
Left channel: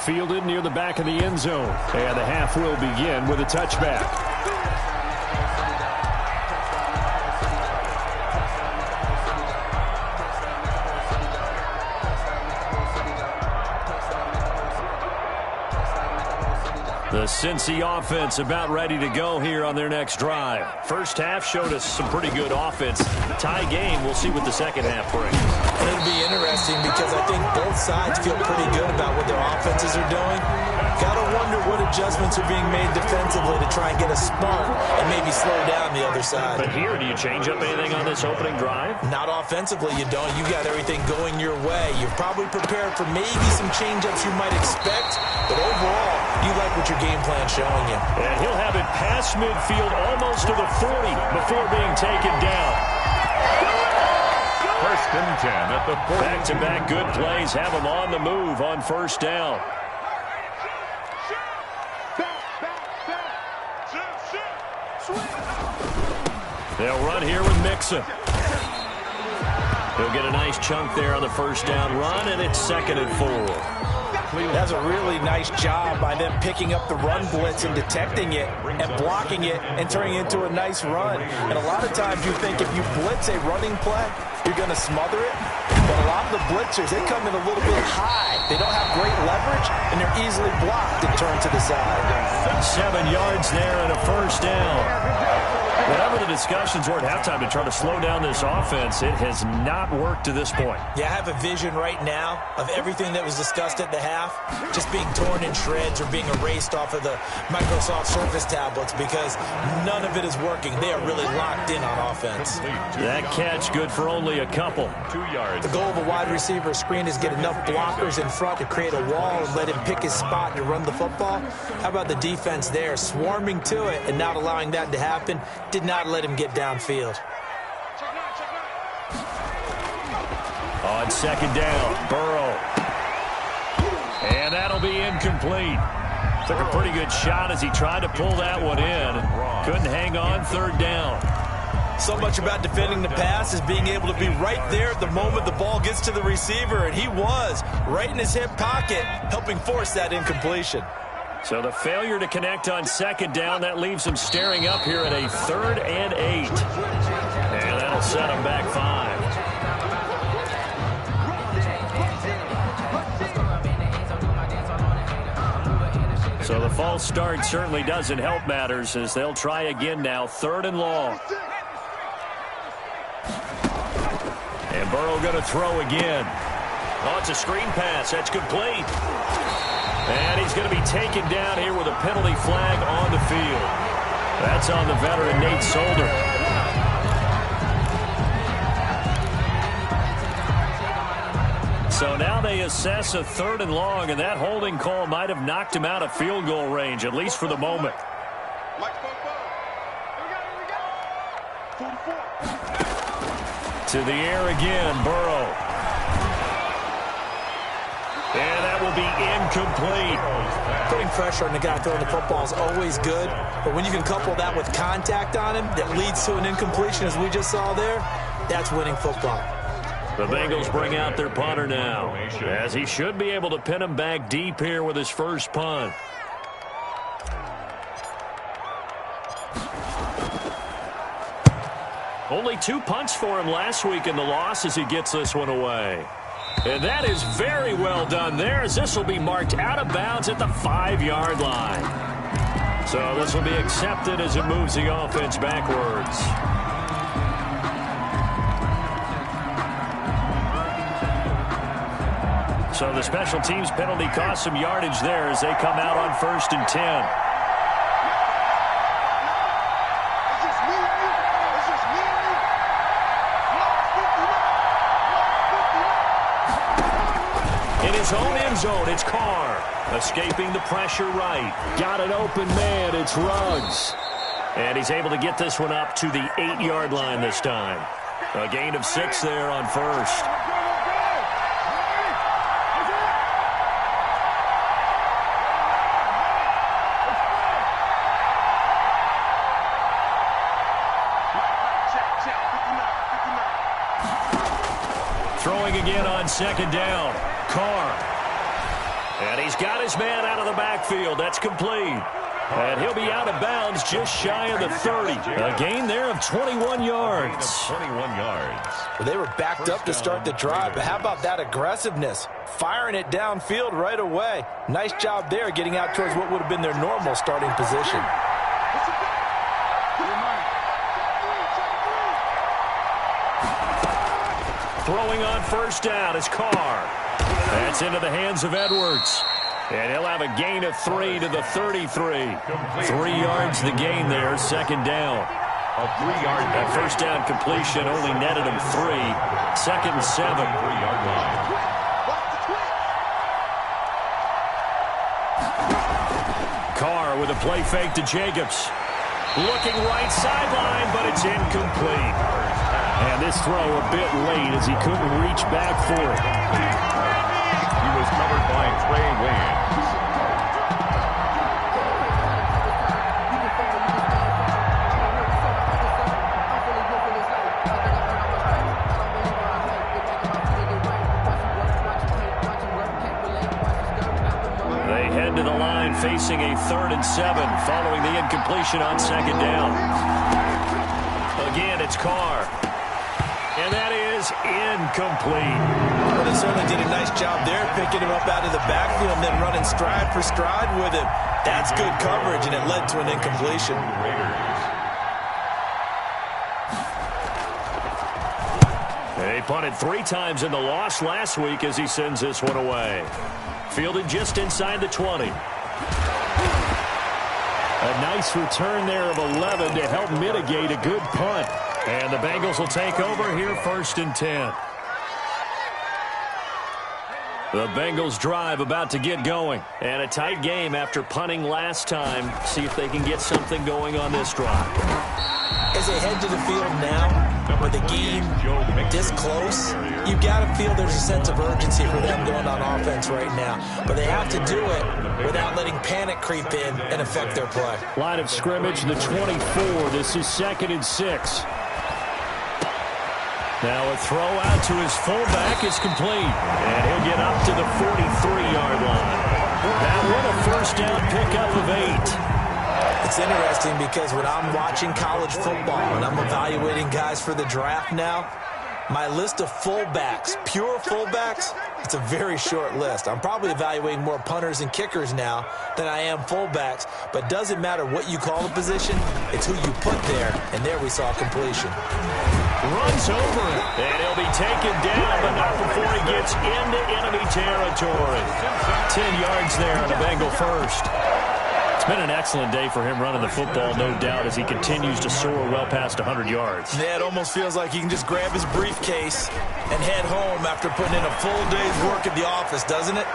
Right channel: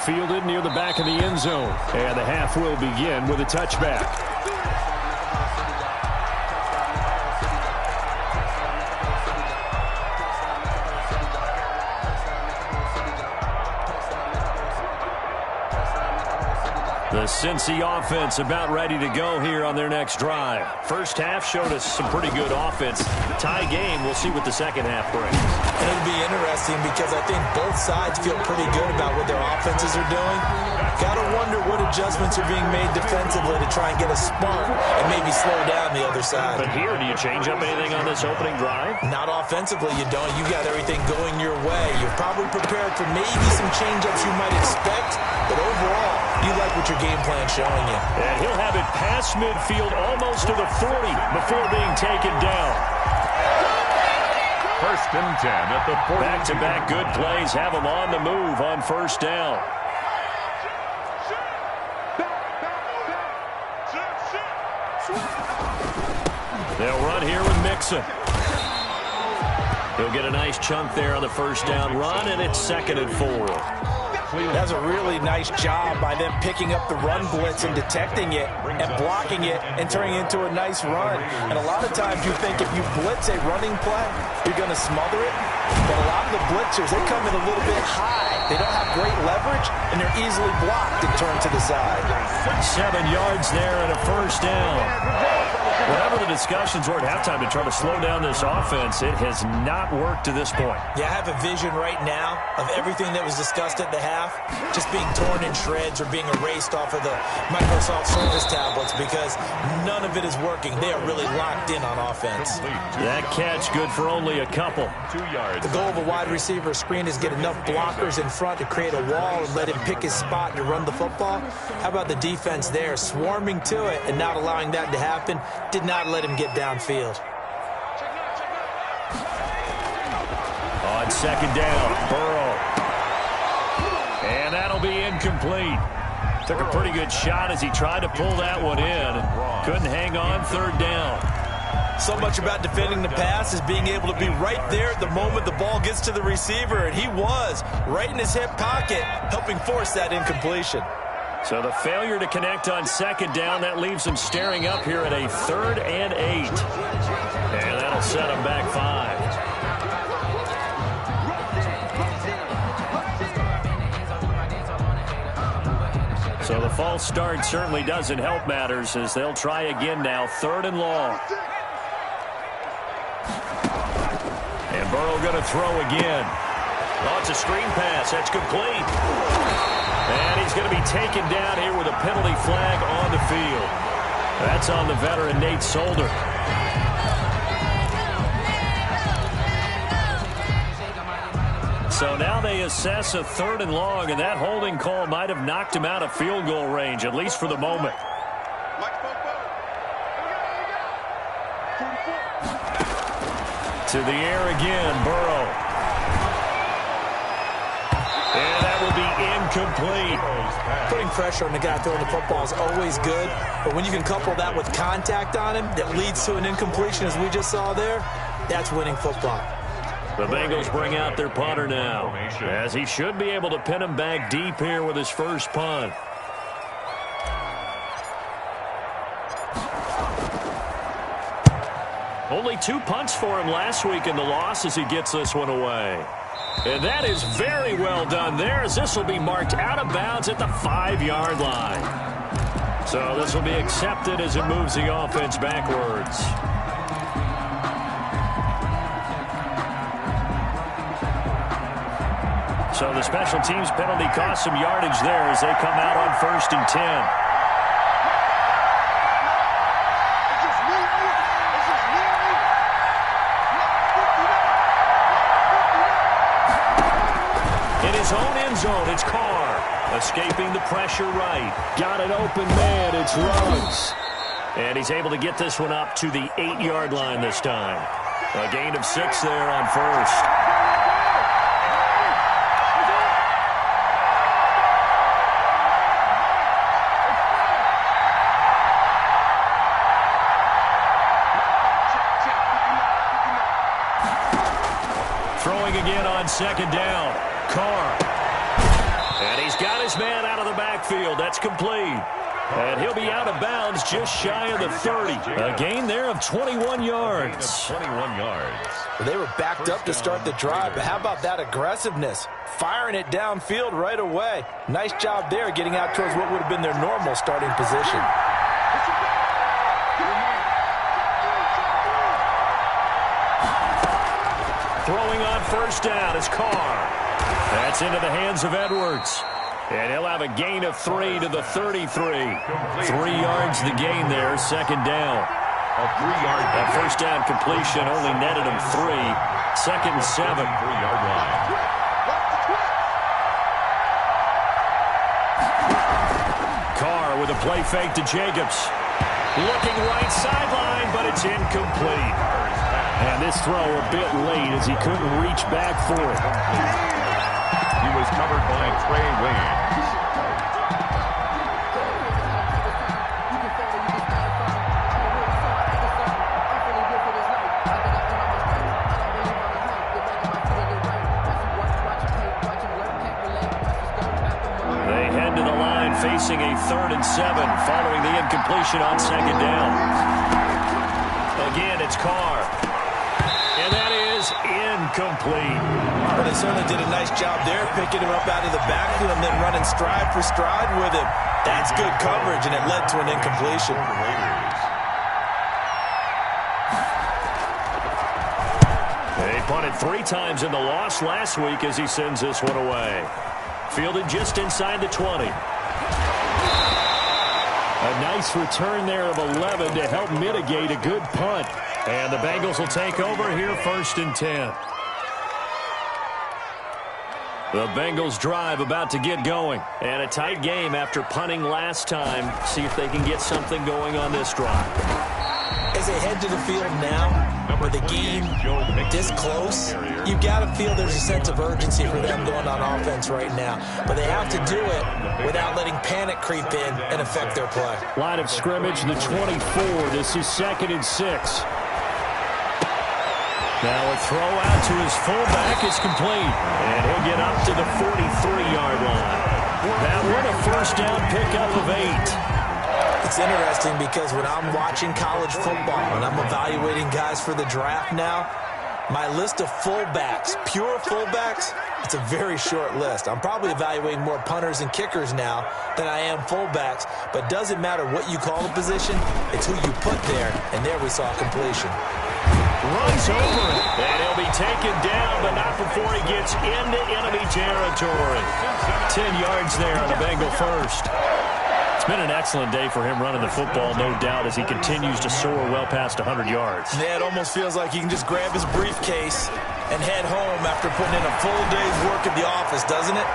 Fielded near the back of the end zone. And the half will begin with a touchback. The Cincy offense about ready to go here on their next drive. First half showed us some pretty good offense. Tie game, we'll see what the second half brings. And it'll be interesting because I think both sides feel pretty good about what their offenses are doing. Got to wonder what adjustments are being made defensively to try and get a spark and maybe slow down the other side. But here, do you change up anything on this opening drive? Not offensively, you don't. You got everything going your way. You're probably prepared for maybe some change-ups you might expect, but overall, you like what your game plan showing you. And he'll have it past midfield almost to the 40 before being taken down. 1st and 10 at the 40. Back-to-back good plays have them on the move on first down. They'll run here with Mixon. He'll get a nice chunk there on the first down run, and it's 2nd and 4. That's a really nice job by them picking up the run blitz and detecting it and blocking it and turning it into a nice run. And a lot of times you think if you blitz a running play, you're going to smother it. But a lot of the blitzers, they come in a little bit high. They don't have great leverage, and they're easily blocked and turned to the side. 7 yards there and a first down. Whatever the discussions were at halftime to try to slow down this offense, it has not worked to this point. Yeah, I have a vision right now of everything that was discussed at the half just being torn in shreds or being erased off of the Microsoft Surface tablets because none of it is working. They are really locked in on offense. That catch good for only a couple. 2 yards. The goal of a wide receiver screen is get enough blockers in front to create a wall and let him pick his spot to run the football. How about the defense there, swarming to it and not allowing that to happen? Did not let him get downfield. On 2nd down, Burrow. And that'll be incomplete. Took a pretty good shot as he tried to pull that one in. Couldn't hang on 3rd down. So much about defending the pass is being able to be right there at the moment the ball gets to the receiver, and he was right in his hip pocket, helping force that incompletion. So the failure to connect on 2nd down, that leaves him staring up here at a 3rd and 8. And that'll set him back 5. So the false start certainly doesn't help matters as they'll try again now, 3rd and long. And Burrow going to throw again. Oh, it's a screen pass. That's complete. And he's going to be taken down here with a penalty flag on the field. That's on the veteran Nate Solder. So now they assess a 3rd and long, and that holding call might have knocked him out of field goal range, at least for the moment. To the air again, Burrow. And that will be incomplete. Putting pressure on the guy throwing the football is always good, but when you can couple that with contact on him that leads to an incompletion, as we just saw there, that's winning football. The Bengals bring out their punter now, as he should be able to pin him back deep here with his first punt. Only 2 punts for him last week in the loss as he gets this one away. And that is very well done there, as this will be marked out of bounds at the 5-yard line. So this will be accepted as it moves the offense backwards. So the special teams penalty cost some yardage there as they come out on 1st and 10. In his own end zone, it's Carr. Escaping the pressure right. Got an open man, it's Ruggs. And he's able to get this one up to the 8-yard line this time. A gain of 6 there on 1st. Throwing again on 2nd down. Carr. And he's got his man out of the backfield. That's complete. And he'll be out of bounds just shy of the 30. A gain there of 21 yards. 21 yards. Well, they were backed up to start the drive, but how about that aggressiveness? Firing it downfield right away. Nice job there getting out towards what would have been their normal starting position. Throwing on 1st down is Carr. That's into the hands of Edwards. And he'll have a gain of 3 to the 33. 3 yards the gain there, 2nd down. A 3-yard. That 1st down completion only netted him 3. 2nd and 7. 3-yard line. Carr with a play fake to Jacobs. Looking right sideline, but it's incomplete. And this throw a bit late as he couldn't reach back for it. He was covered by Trey Waynes. They head to the line facing a 3rd and 7 following the incompletion on 2nd down. Again, it's Carr. And that is incomplete. Well, they certainly did a nice job there, picking him up out of the backfield and then running stride for stride with him. That's good coverage, and it led to an incompletion. They punted 3 times in the loss last week as he sends this one away. Fielded just inside the 20. A nice return there of 11 to help mitigate a good punt. And the Bengals will take over here 1st and 10. The Bengals drive about to get going. And a tight game after punting last time. See if they can get something going on this drive. As they head to the field now, with the game this close, you've got to feel there's a sense of urgency for them going on offense right now. But they have to do it without letting panic creep in and affect their play. Line of scrimmage, the 24. This is 2nd and 6. Now a throw out to his fullback is complete. And he'll get up to the 43-yard line. That one a 1st down pickup of 8. It's interesting because when I'm watching college football and I'm evaluating guys for the draft now, my list of fullbacks, pure fullbacks, it's a very short list. I'm probably evaluating more punters and kickers now than I am fullbacks, but doesn't matter what you call the position, it's who you put there, and there we saw completion. Runs over it, and he'll be taken down, but not before he gets into enemy territory. 10 yards there on a Bengal 1st. It's been an excellent day for him running the football, no doubt, as he continues to soar well past 100 yards. Yeah, it almost feels like he can just grab his briefcase and head home after putting in a full day's work at the office, doesn't it?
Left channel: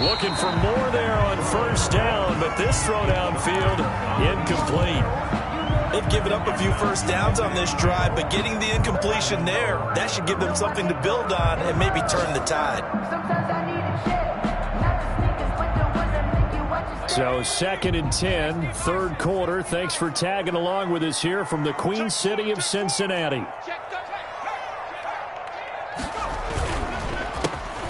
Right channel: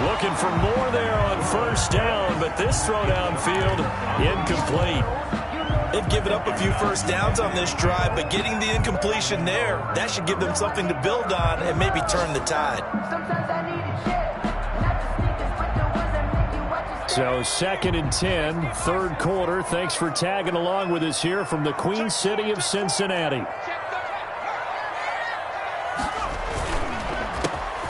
Looking for more there on 1st down, but this throw downfield incomplete. They've given up a few 1st downs on this drive, but getting the incompletion there, that should give them something to build on and maybe turn the tide. So 2nd and 10, 3rd quarter. Thanks for tagging along with us here from the Queen City of Cincinnati.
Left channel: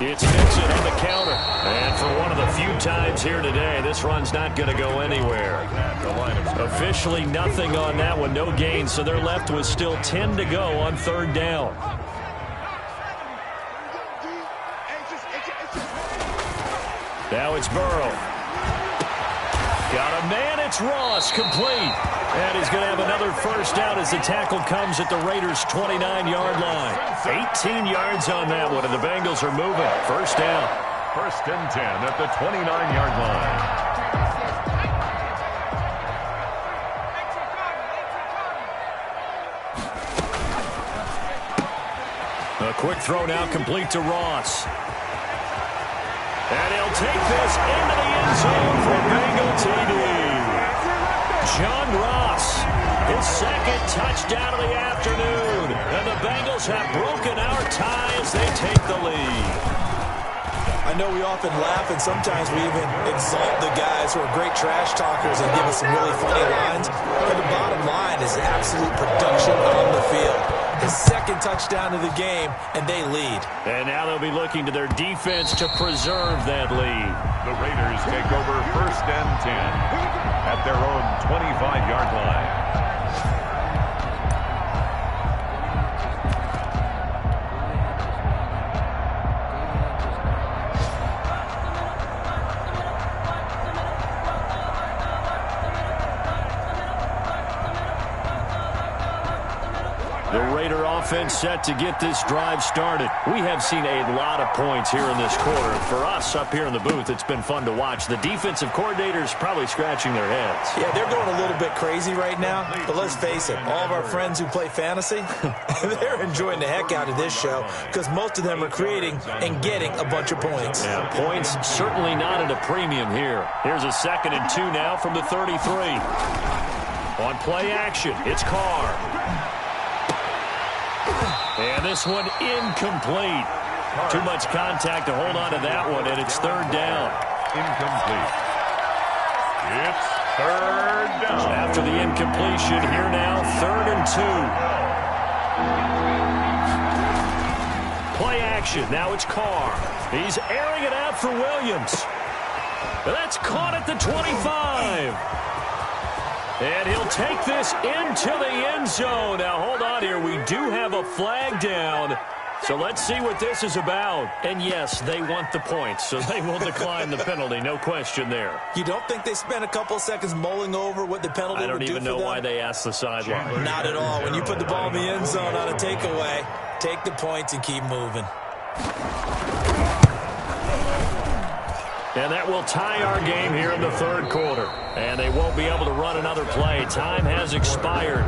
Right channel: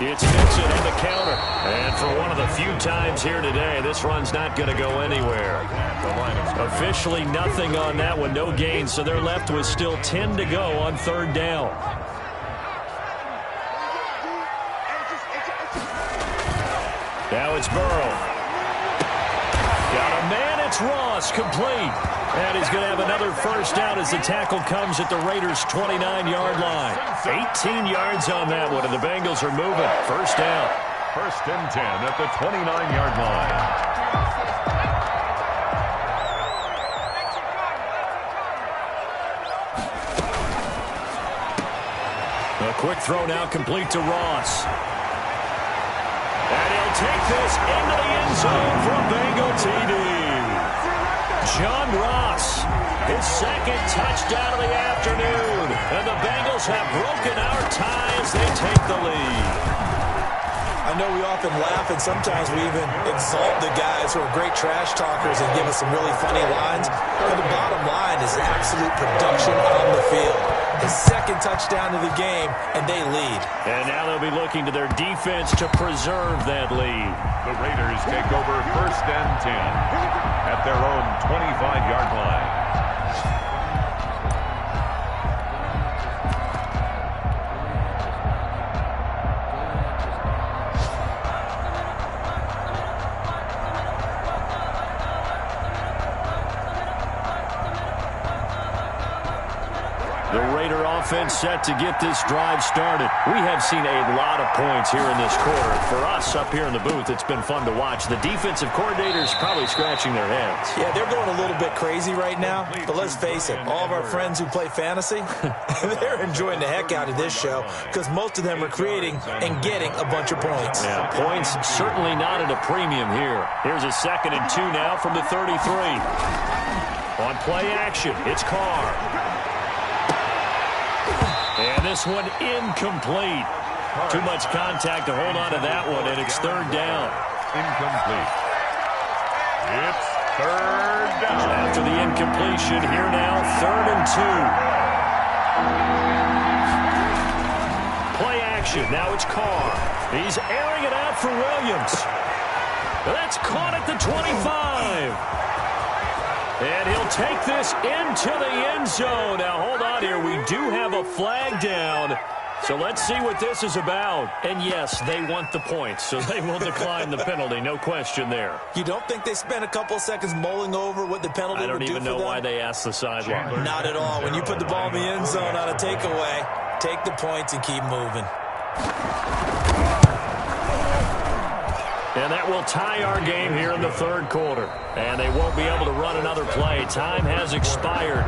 It's Mixon on the counter. And for one of the few times here today, this run's not going to go anywhere. Officially nothing on that one, no gain, so they're left with still 10 to go on third down. Now it's Burrow. Got a man, it's Ross, complete. And he's going to have another first down as the tackle comes at the Raiders' 29-yard line. 18 yards on that one, and the Bengals are moving. First down. First and 10 at the 29-yard line. A quick throw now complete to Ross. And he'll take this into the end zone for a Bengal TD. John Ross, his second touchdown of the afternoon. And the Bengals have broken our tie as they take the lead. I know we often laugh and sometimes we even exalt the guys who are great trash talkers and give us some really funny lines. But the bottom line is absolute production on the field. His second touchdown of the game, and they lead. And now they'll be looking to their defense to preserve that lead. The Raiders take over first and 10 at their own 25-yard line. The Raider offense set to get this drive started. We have seen a lot of points here in this quarter. For us up here in the booth, it's been fun to watch. The defensive coordinators probably scratching their heads. Yeah, they're going a little bit crazy right now. But let's face it, all of our friends who play fantasy, they're enjoying the heck out of this show because most of them are creating and getting a bunch of points. Yeah, points certainly not at a premium here. Here's a 2nd and 2 now from the 33. On play action, it's Carr. And this one incomplete. Too much contact to hold on to that one, and it's third down. Incomplete. It's third down. After the incompletion, here now, 3rd and 2. Play action. Now it's Carr. He's airing it out for Williams. That's caught at the 25. And he'll take this into the end zone. Now, hold on here. We do have a flag down. So let's see what this is about. And, yes, they want the points, so they will decline the penalty. No question there. You don't think they spent a couple of seconds mulling over what the penalty would do for them? I don't even know why they asked the sideline. Not at all. When you put the ball in the end zone on a takeaway, take the points and keep moving. And that will tie our game here in the third quarter. And they won't be able to run another play. Time has expired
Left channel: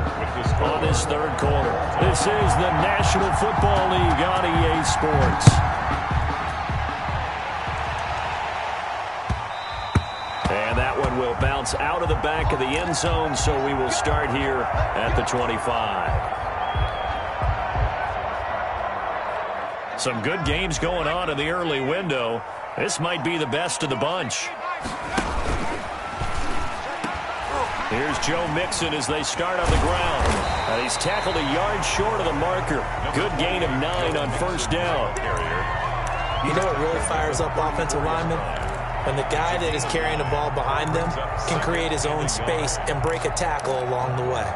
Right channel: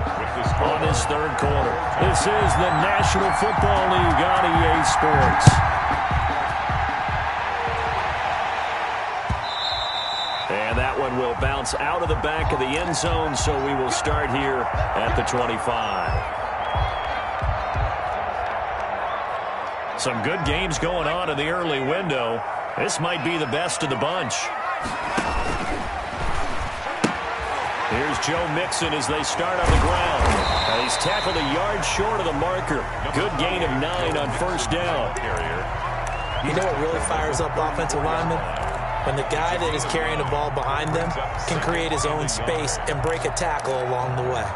on this third quarter. This is the National Football League on EA Sports. And that one will bounce out of the back of the end zone, so we will start here at the 25. Some good games going on in the early window. This might be the best of the bunch. Here's Joe Mixon as they start on the ground. And he's tackled a yard short of the marker. Good gain of 9 on first down. You know what really fires up offensive linemen? When the guy that is carrying the ball behind them can create his own space and break a tackle along the way.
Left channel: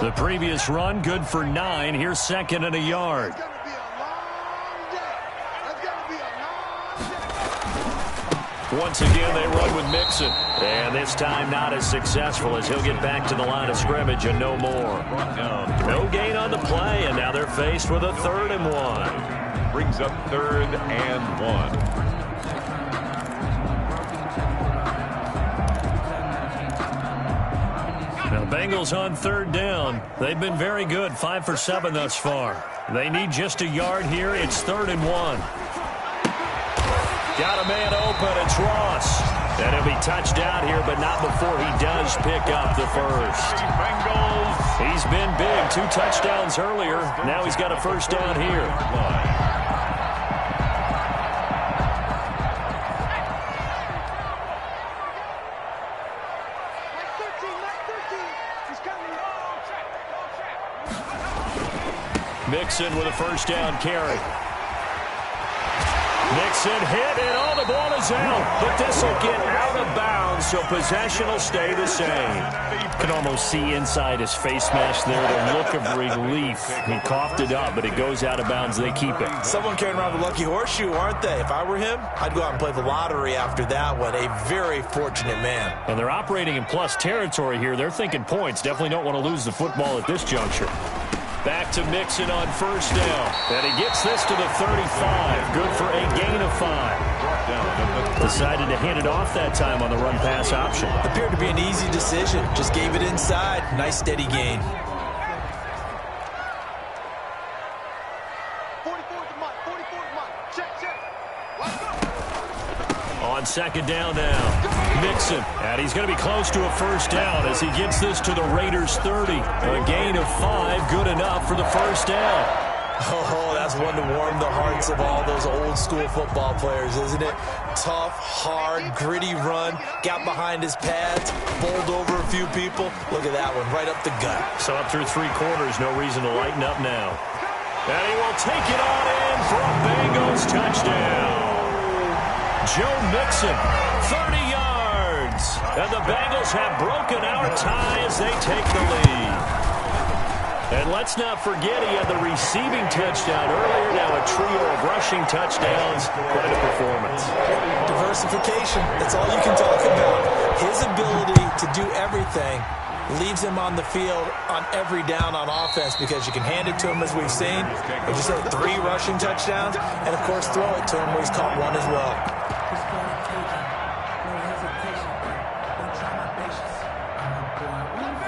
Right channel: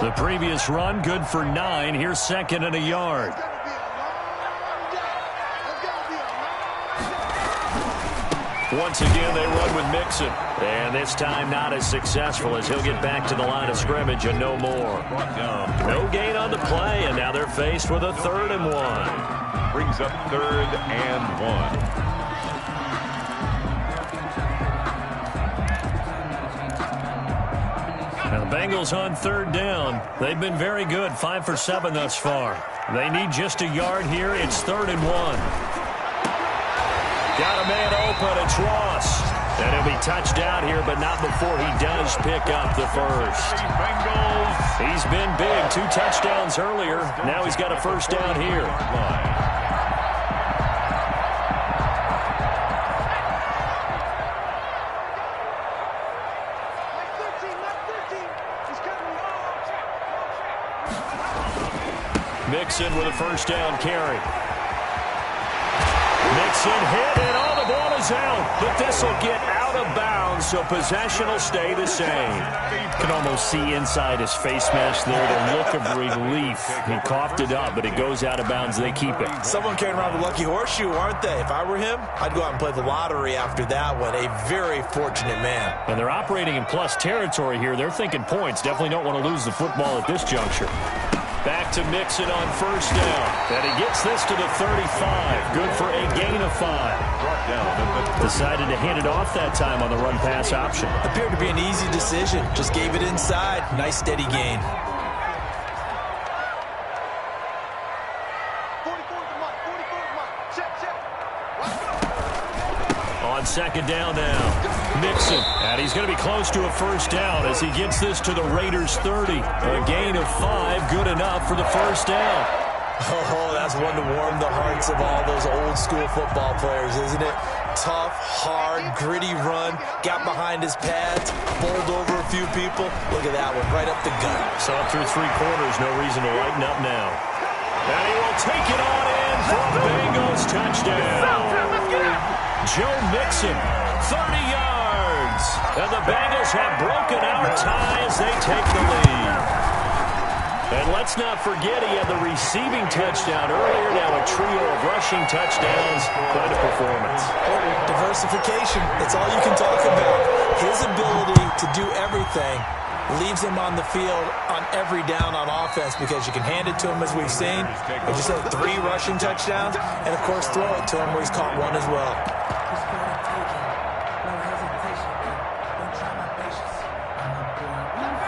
The previous run, good for 9. Here's 2nd and a yard. Once again, they run with Mixon. And this time not as successful as he'll get back to the line of scrimmage and no more. No gain on the play, and now they're faced with a 3rd and 1. Brings up 3rd and 1. Now the Bengals on 3rd down. They've been very good, 5 for 7 thus far. They need just a yard here. It's 3rd and 1. Got a man open. It's Ross. And he'll be touched out here, but not before he does pick up the first. He's been big. 2 touchdowns earlier. Now he's got a first down here. Mixon with a first down carry. Mixon hit, and the ball is out. But this will get out of bounds, so possession will stay the same. Can almost see inside his face mask there the look of relief. He coughed it up, but it goes out of bounds. They keep it. Someone carrying around the lucky horseshoe, aren't they? If I were him, I'd go out and play the lottery after that one. A very fortunate man. And they're operating in plus territory here. They're thinking points. Definitely don't want to lose the football at this juncture. Back to Mixon on first down. And he gets this to the 35. Good for a gain of 5. Decided to hand it off that time on the run-pass option. Appeared to be an easy decision. Just gave it inside. Nice steady gain. 44's Mike. 44's Mike. Check. Let's go. On second down now, Mixon. And he's going to be close to a first down as he gets this to the Raiders' 30. A gain of 5, good enough for the first down. Oh, that's one to warm the hearts of all those old-school football players, isn't it? Tough, hard, gritty run. Got behind his pads, bowled over a few people. Look at that one, right up the gut. So up through 3 quarters, no reason to lighten up now. And he will take it on in for a Bengals touchdown. Joe Mixon, 30 yards. And the Bengals have broken our tie as they take the lead. And let's not forget he had the receiving touchdown earlier. Now a trio of rushing touchdowns. Quite a performance. Diversification, that's all you can talk about. His ability to do everything leaves him on the field on every down on offense because you can hand it to him as we've seen. But you said 3 rushing touchdowns, and of course throw it to him where he's caught 1 as well.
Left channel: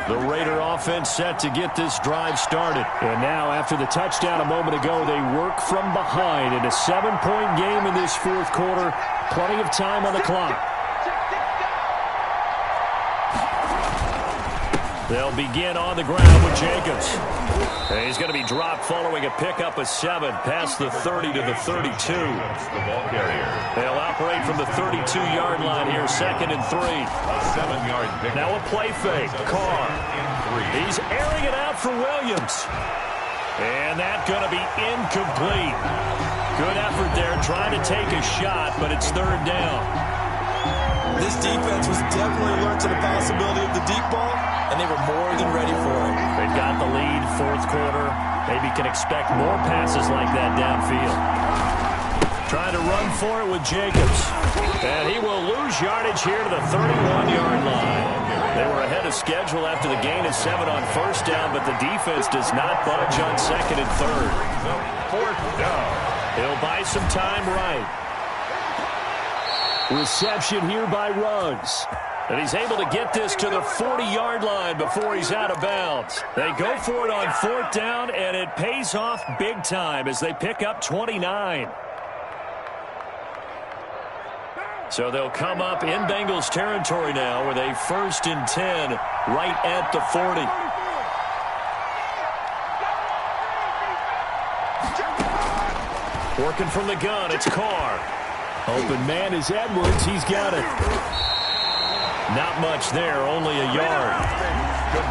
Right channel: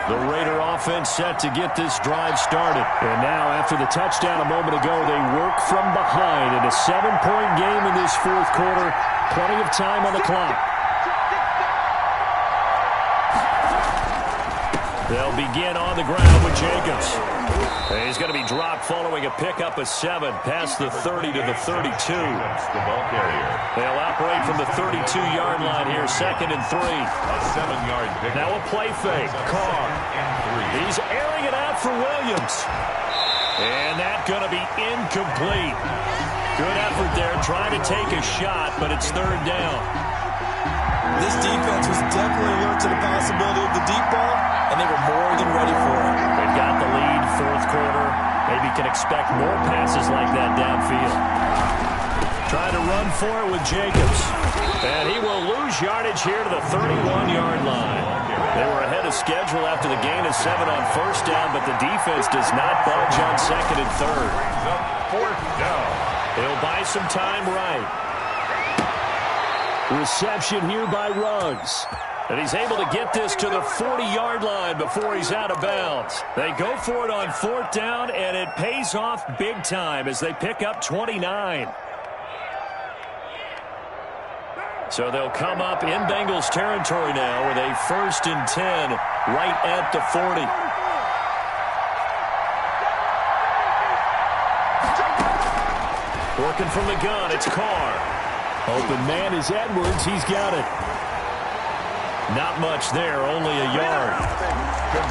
The Raider offense set to get this drive started. And now after the touchdown a moment ago, they work from behind in a 7-point game in this 4th quarter. Plenty of time on the clock. They'll begin on the ground with Jacobs. He's going to be dropped following a pickup of 7 past the 30 to the 32. That's the ball carrier. They'll operate from the 32-yard line here, 2nd and 3. A 7-yard pickup. Now a play fake. Carr. And 3. He's airing it out for Williams. And that's going to be incomplete. Good effort there, trying to take a shot, but it's 3rd down. This defense was definitely alert to the possibility of the deep ball, and they were more than ready for it. They've got the lead, 4th quarter. Maybe can expect more passes like that downfield. Trying to run for it with Jacobs. And he will lose yardage here to the 31-yard line. They were ahead of schedule after the gain of 7 on first down, but the defense does not budge on 2nd and 3rd. 4th down. He'll buy some time right. Reception here by Ruggs. And he's able to get this to the 40-yard line before he's out of bounds. They go for it on 4th down, and it pays off big time as they pick up 29. So they'll come up in Bengals territory now with a 1st and 10 right at the 40. Working from the gun, it's Carr. Open man is Edwards. He's got it. Not much there, only a yard.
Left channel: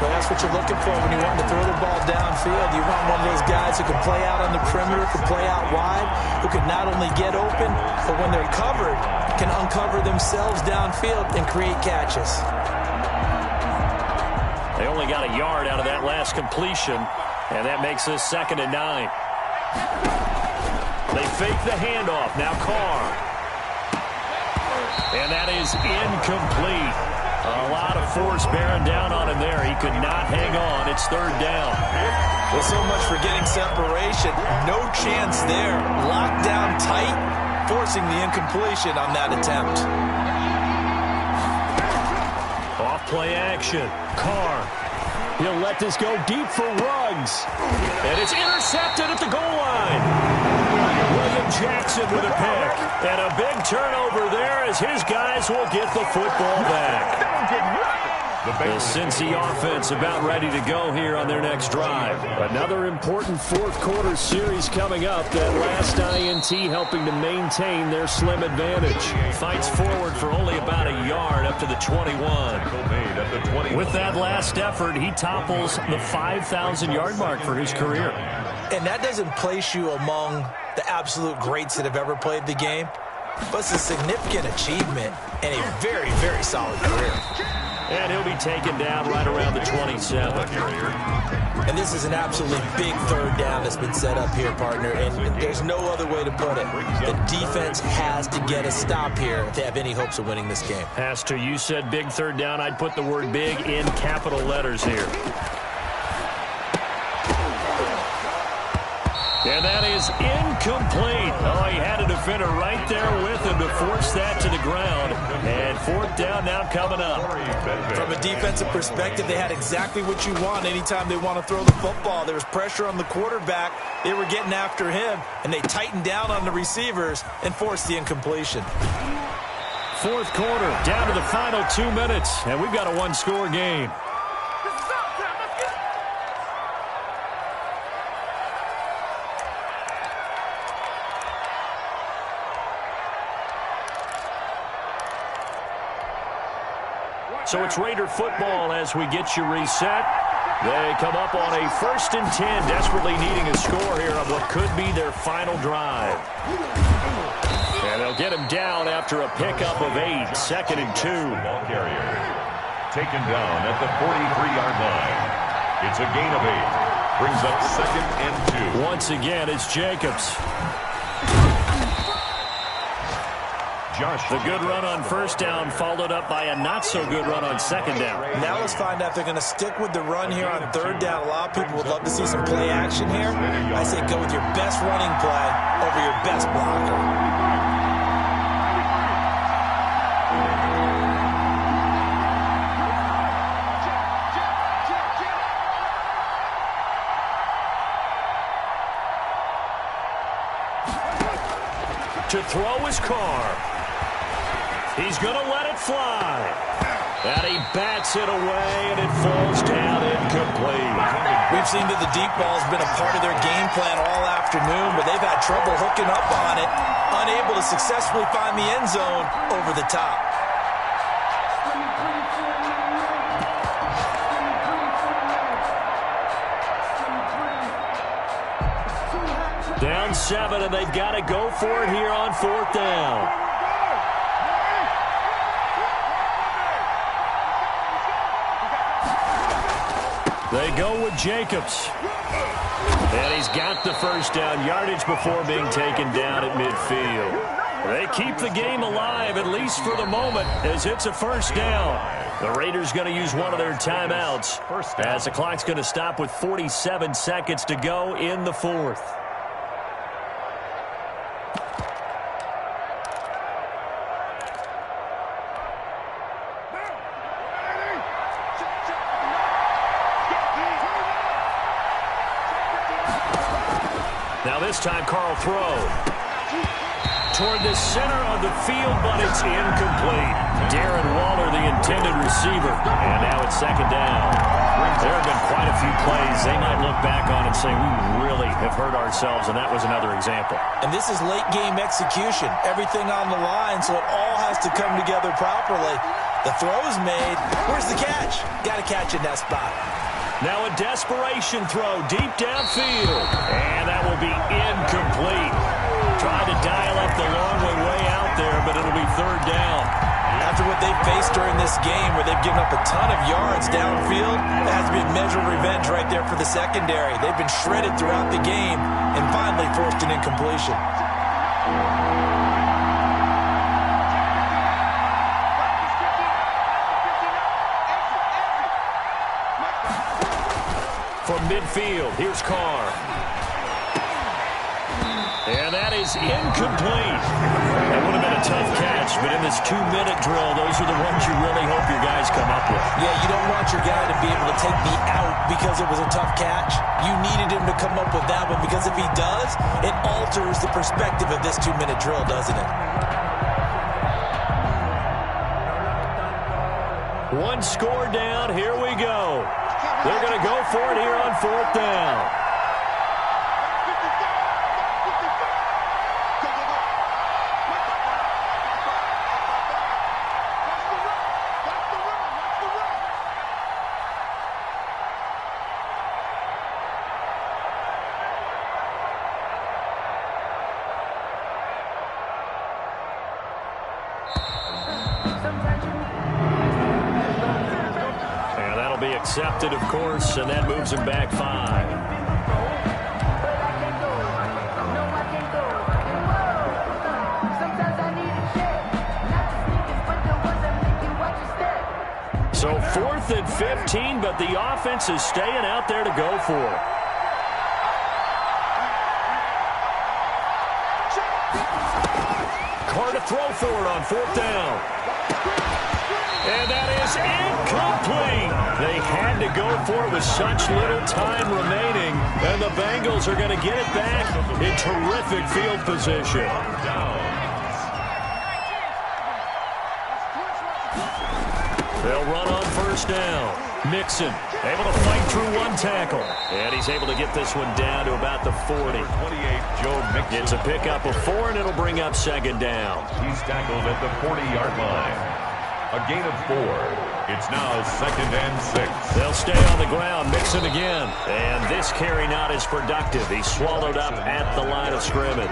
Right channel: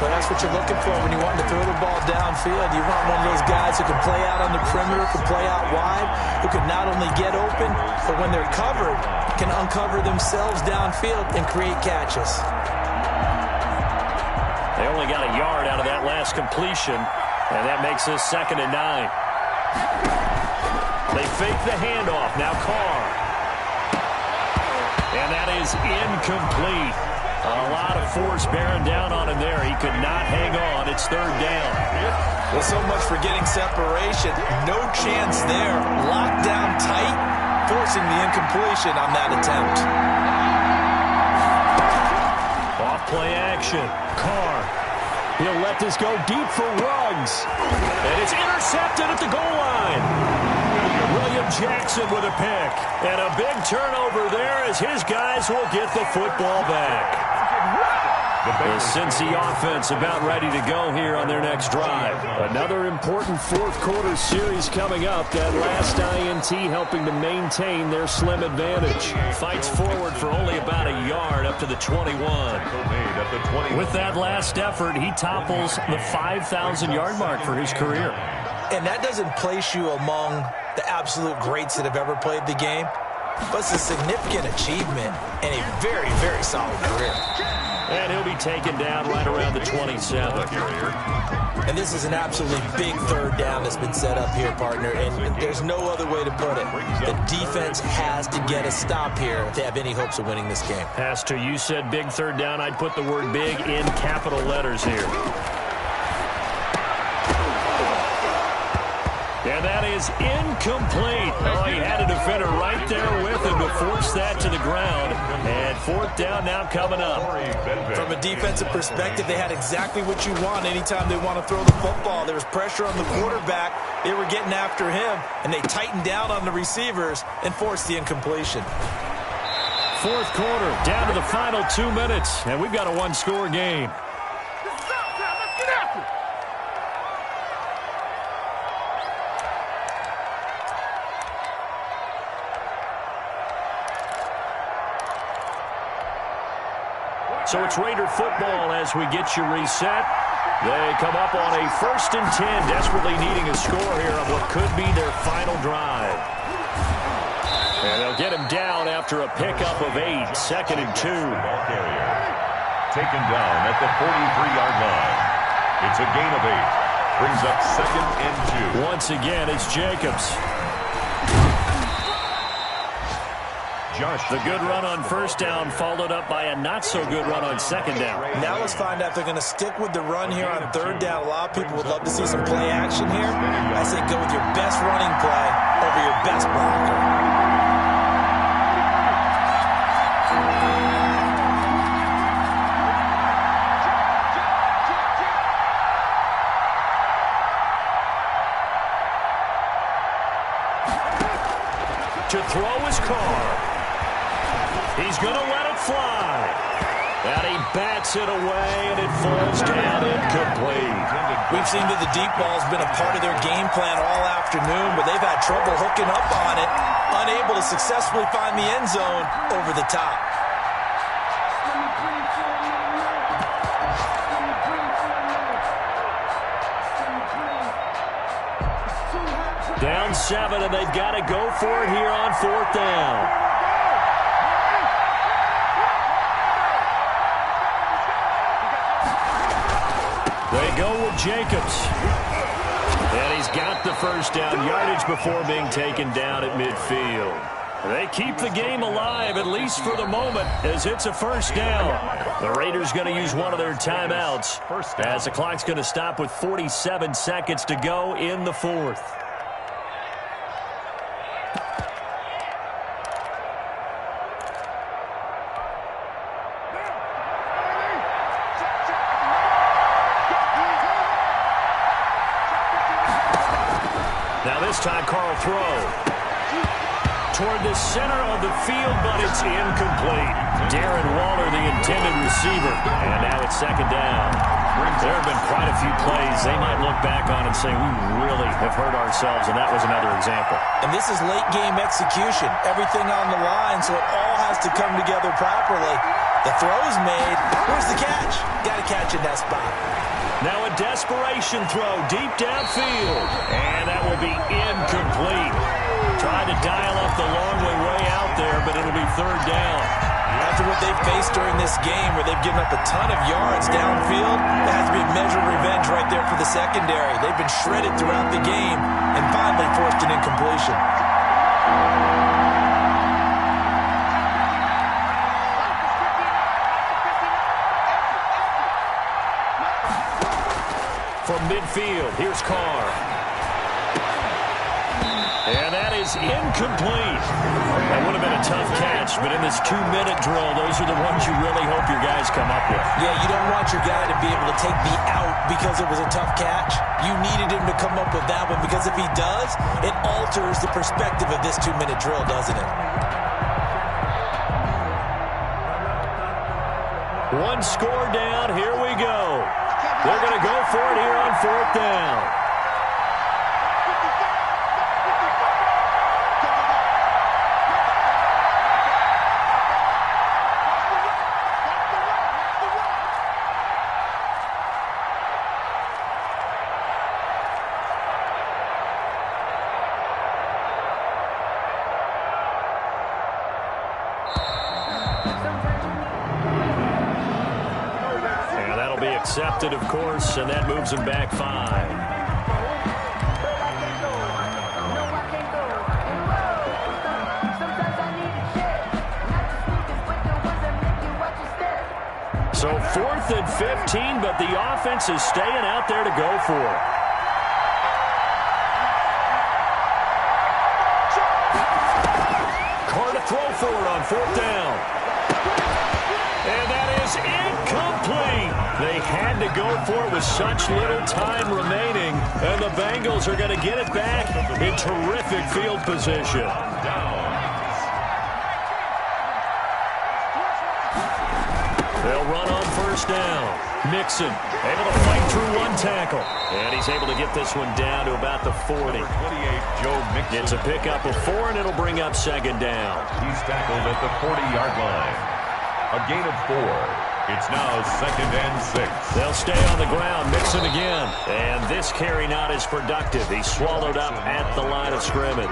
But that's what you're looking for when you want to throw the ball downfield. You want one of those guys who can play out on the perimeter, can play out wide, who can not only get open, but when they're covered, can uncover themselves downfield and create catches. They only got a yard out of that last completion, and that makes this 2nd and 9. They fake the handoff. Now Carr. And that is incomplete. A lot of force bearing down on him there. He could not hang on. It's 3rd down. Well, so much for getting separation. No chance there. Locked down tight, forcing the incompletion on that attempt. Off play action. Carr. He'll let this go deep for Ruggs. And it's intercepted at the goal line. William Jackson with a pick. And a big turnover there as his guys will get the football back. The Cincy offense about ready to go here on their next drive. Another important 4th quarter series coming up. That last INT helping to maintain their slim advantage. Fights forward for only about a yard up to the 21. With that last effort, he topples the 5,000-yard mark for his career. And that doesn't place you among the absolute greats that have ever played the game, but it's a significant achievement and a very, very solid career. And he'll be taken down right around the 27. And this is an absolutely big third down that's been set up here, partner, and there's no other way to put it. The defense has to get a stop here if they have any hopes of winning this game. Pastor, you said big third down. I'd put the word big in capital letters here. And that is incomplete. Oh, he had a defender right there with him to force that to the ground. And fourth down now coming up. From a defensive perspective, they had exactly what you want anytime they want to throw the football. There was pressure on the quarterback. They were getting after him, and they tightened down on the receivers and forced the incompletion. Fourth quarter, down to the final 2 minutes, and we've got a one-score game. So it's Raider football as we get you reset. They come up on a 1st and 10, desperately needing a score here on what could be their final drive. And they'll get him down after a pickup of 8, 2nd and 2. Ball carrier taken down at the 43-yard line. It's a gain of 8. Brings up 2nd and 2. Once again, it's Jacobs. The good run on first down followed up by a not-so-good run on second down. Now let's find out if they're going to stick with the run here on third down. A lot of people would love to see some play action here. I say go with your best running play over your best blocker. To throw his car. He's going to let it fly. And he bats it away, and it falls down incomplete. We've seen that the deep ball has been a part of their game plan all afternoon, but they've had trouble hooking up on it, unable to successfully find the end zone over the top. Down 7, and they've got to go for it here on fourth down. They go with Jacobs. And he's got the first down yardage before being taken down at midfield. They keep the game alive, at least for the moment, as it's a first down. The Raiders going to use one of their timeouts as the clock's going to stop with 47 seconds to go in the fourth. Now this time, Carl throw toward the center of the field, but it's incomplete. Darren Waller, the intended receiver, and now it's second down. There have been quite a few plays they might look back on and say, we really have hurt ourselves, and that was another example. And this is late-game execution. Everything on the line, so it all has to come together properly. The throw's made. Where's the catch? Got to catch in that spot. Now a desperation throw deep downfield, and that will be incomplete. Tried to dial up the long way out there, but it'll be third down. After what they've faced during this game where they've given up a ton of yards downfield, that has to be a measure of revenge right there for the secondary. They've been shredded throughout the game and finally forced an incompletion. From midfield, here's Carr. And that is incomplete. That would have been a tough catch, but in this 2-minute drill, those are the ones you really hope your guys come up with. Yeah, you don't want your guy to be able to take the out because it was a tough catch. You needed him to come up with that one because if he does, it alters the perspective of this 2-minute drill, doesn't it? One score down, here we go. They're going to go for it here on fourth down. And that'll be accepted, of course, and that moves him back 5. So 4th and 15, but the offense is staying out there to go for it. Carr to throw for it on 4th down. And that is incomplete. They had to go for it with such little time remaining, and the Bengals are going to get it back in terrific field position. They'll run on 1st down. Mixon able to fight through one tackle. And he's able to get this one down to about the 40. 28, Joe Mixon. It's a pickup of 4, and it'll bring up 2nd down. He's tackled at the 40-yard line. A gain of 4. It's now 2nd and 6. They'll stay on the ground. Mixon again. And this carry not as productive. He's swallowed up at the line of scrimmage.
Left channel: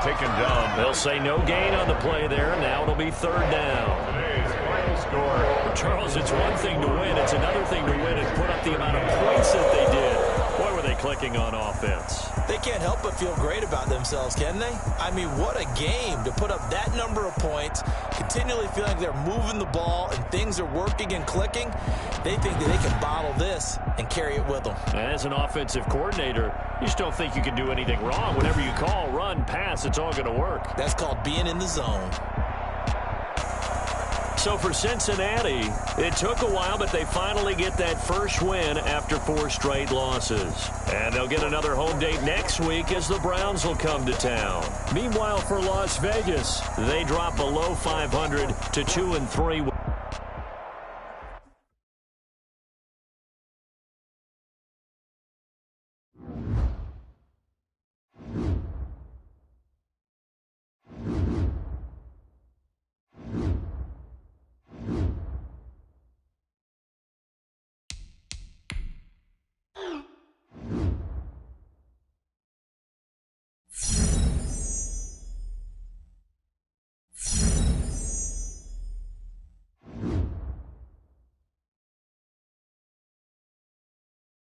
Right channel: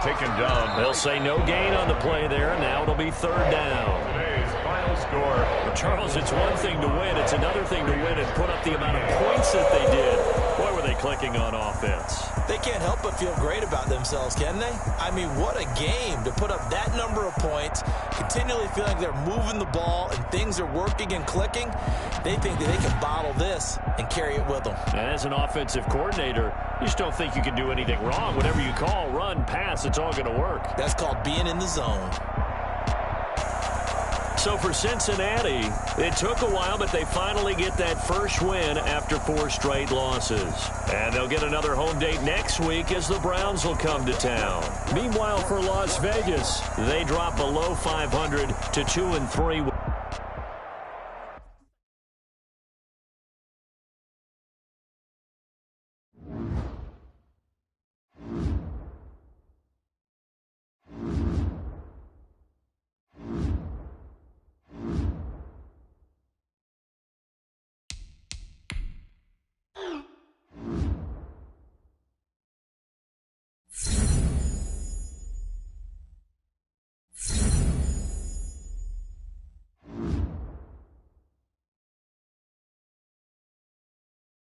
Taken down. They'll say no gain on the play there. Now it'll be 3rd down. Today's final score. Well, Charles, it's one thing to win. It's another thing to win and put up the amount of points that they did. Boy, were they clicking on offense. They can't help but feel great about themselves, can they? I mean, what a game to put up that number of points, continually feeling like they're moving the ball and things are working and clicking. They think that they can bottle this and carry it with them. And as an offensive coordinator, you just don't think you can do anything wrong. Whenever you call, run, pass, it's all going to work. That's called being in the zone. So for Cincinnati, it took a while, but they finally get that first win after 4 straight losses. And they'll get another home date next week as the Browns will come to town. Meanwhile, for Las Vegas, they drop below 500 to 2-3.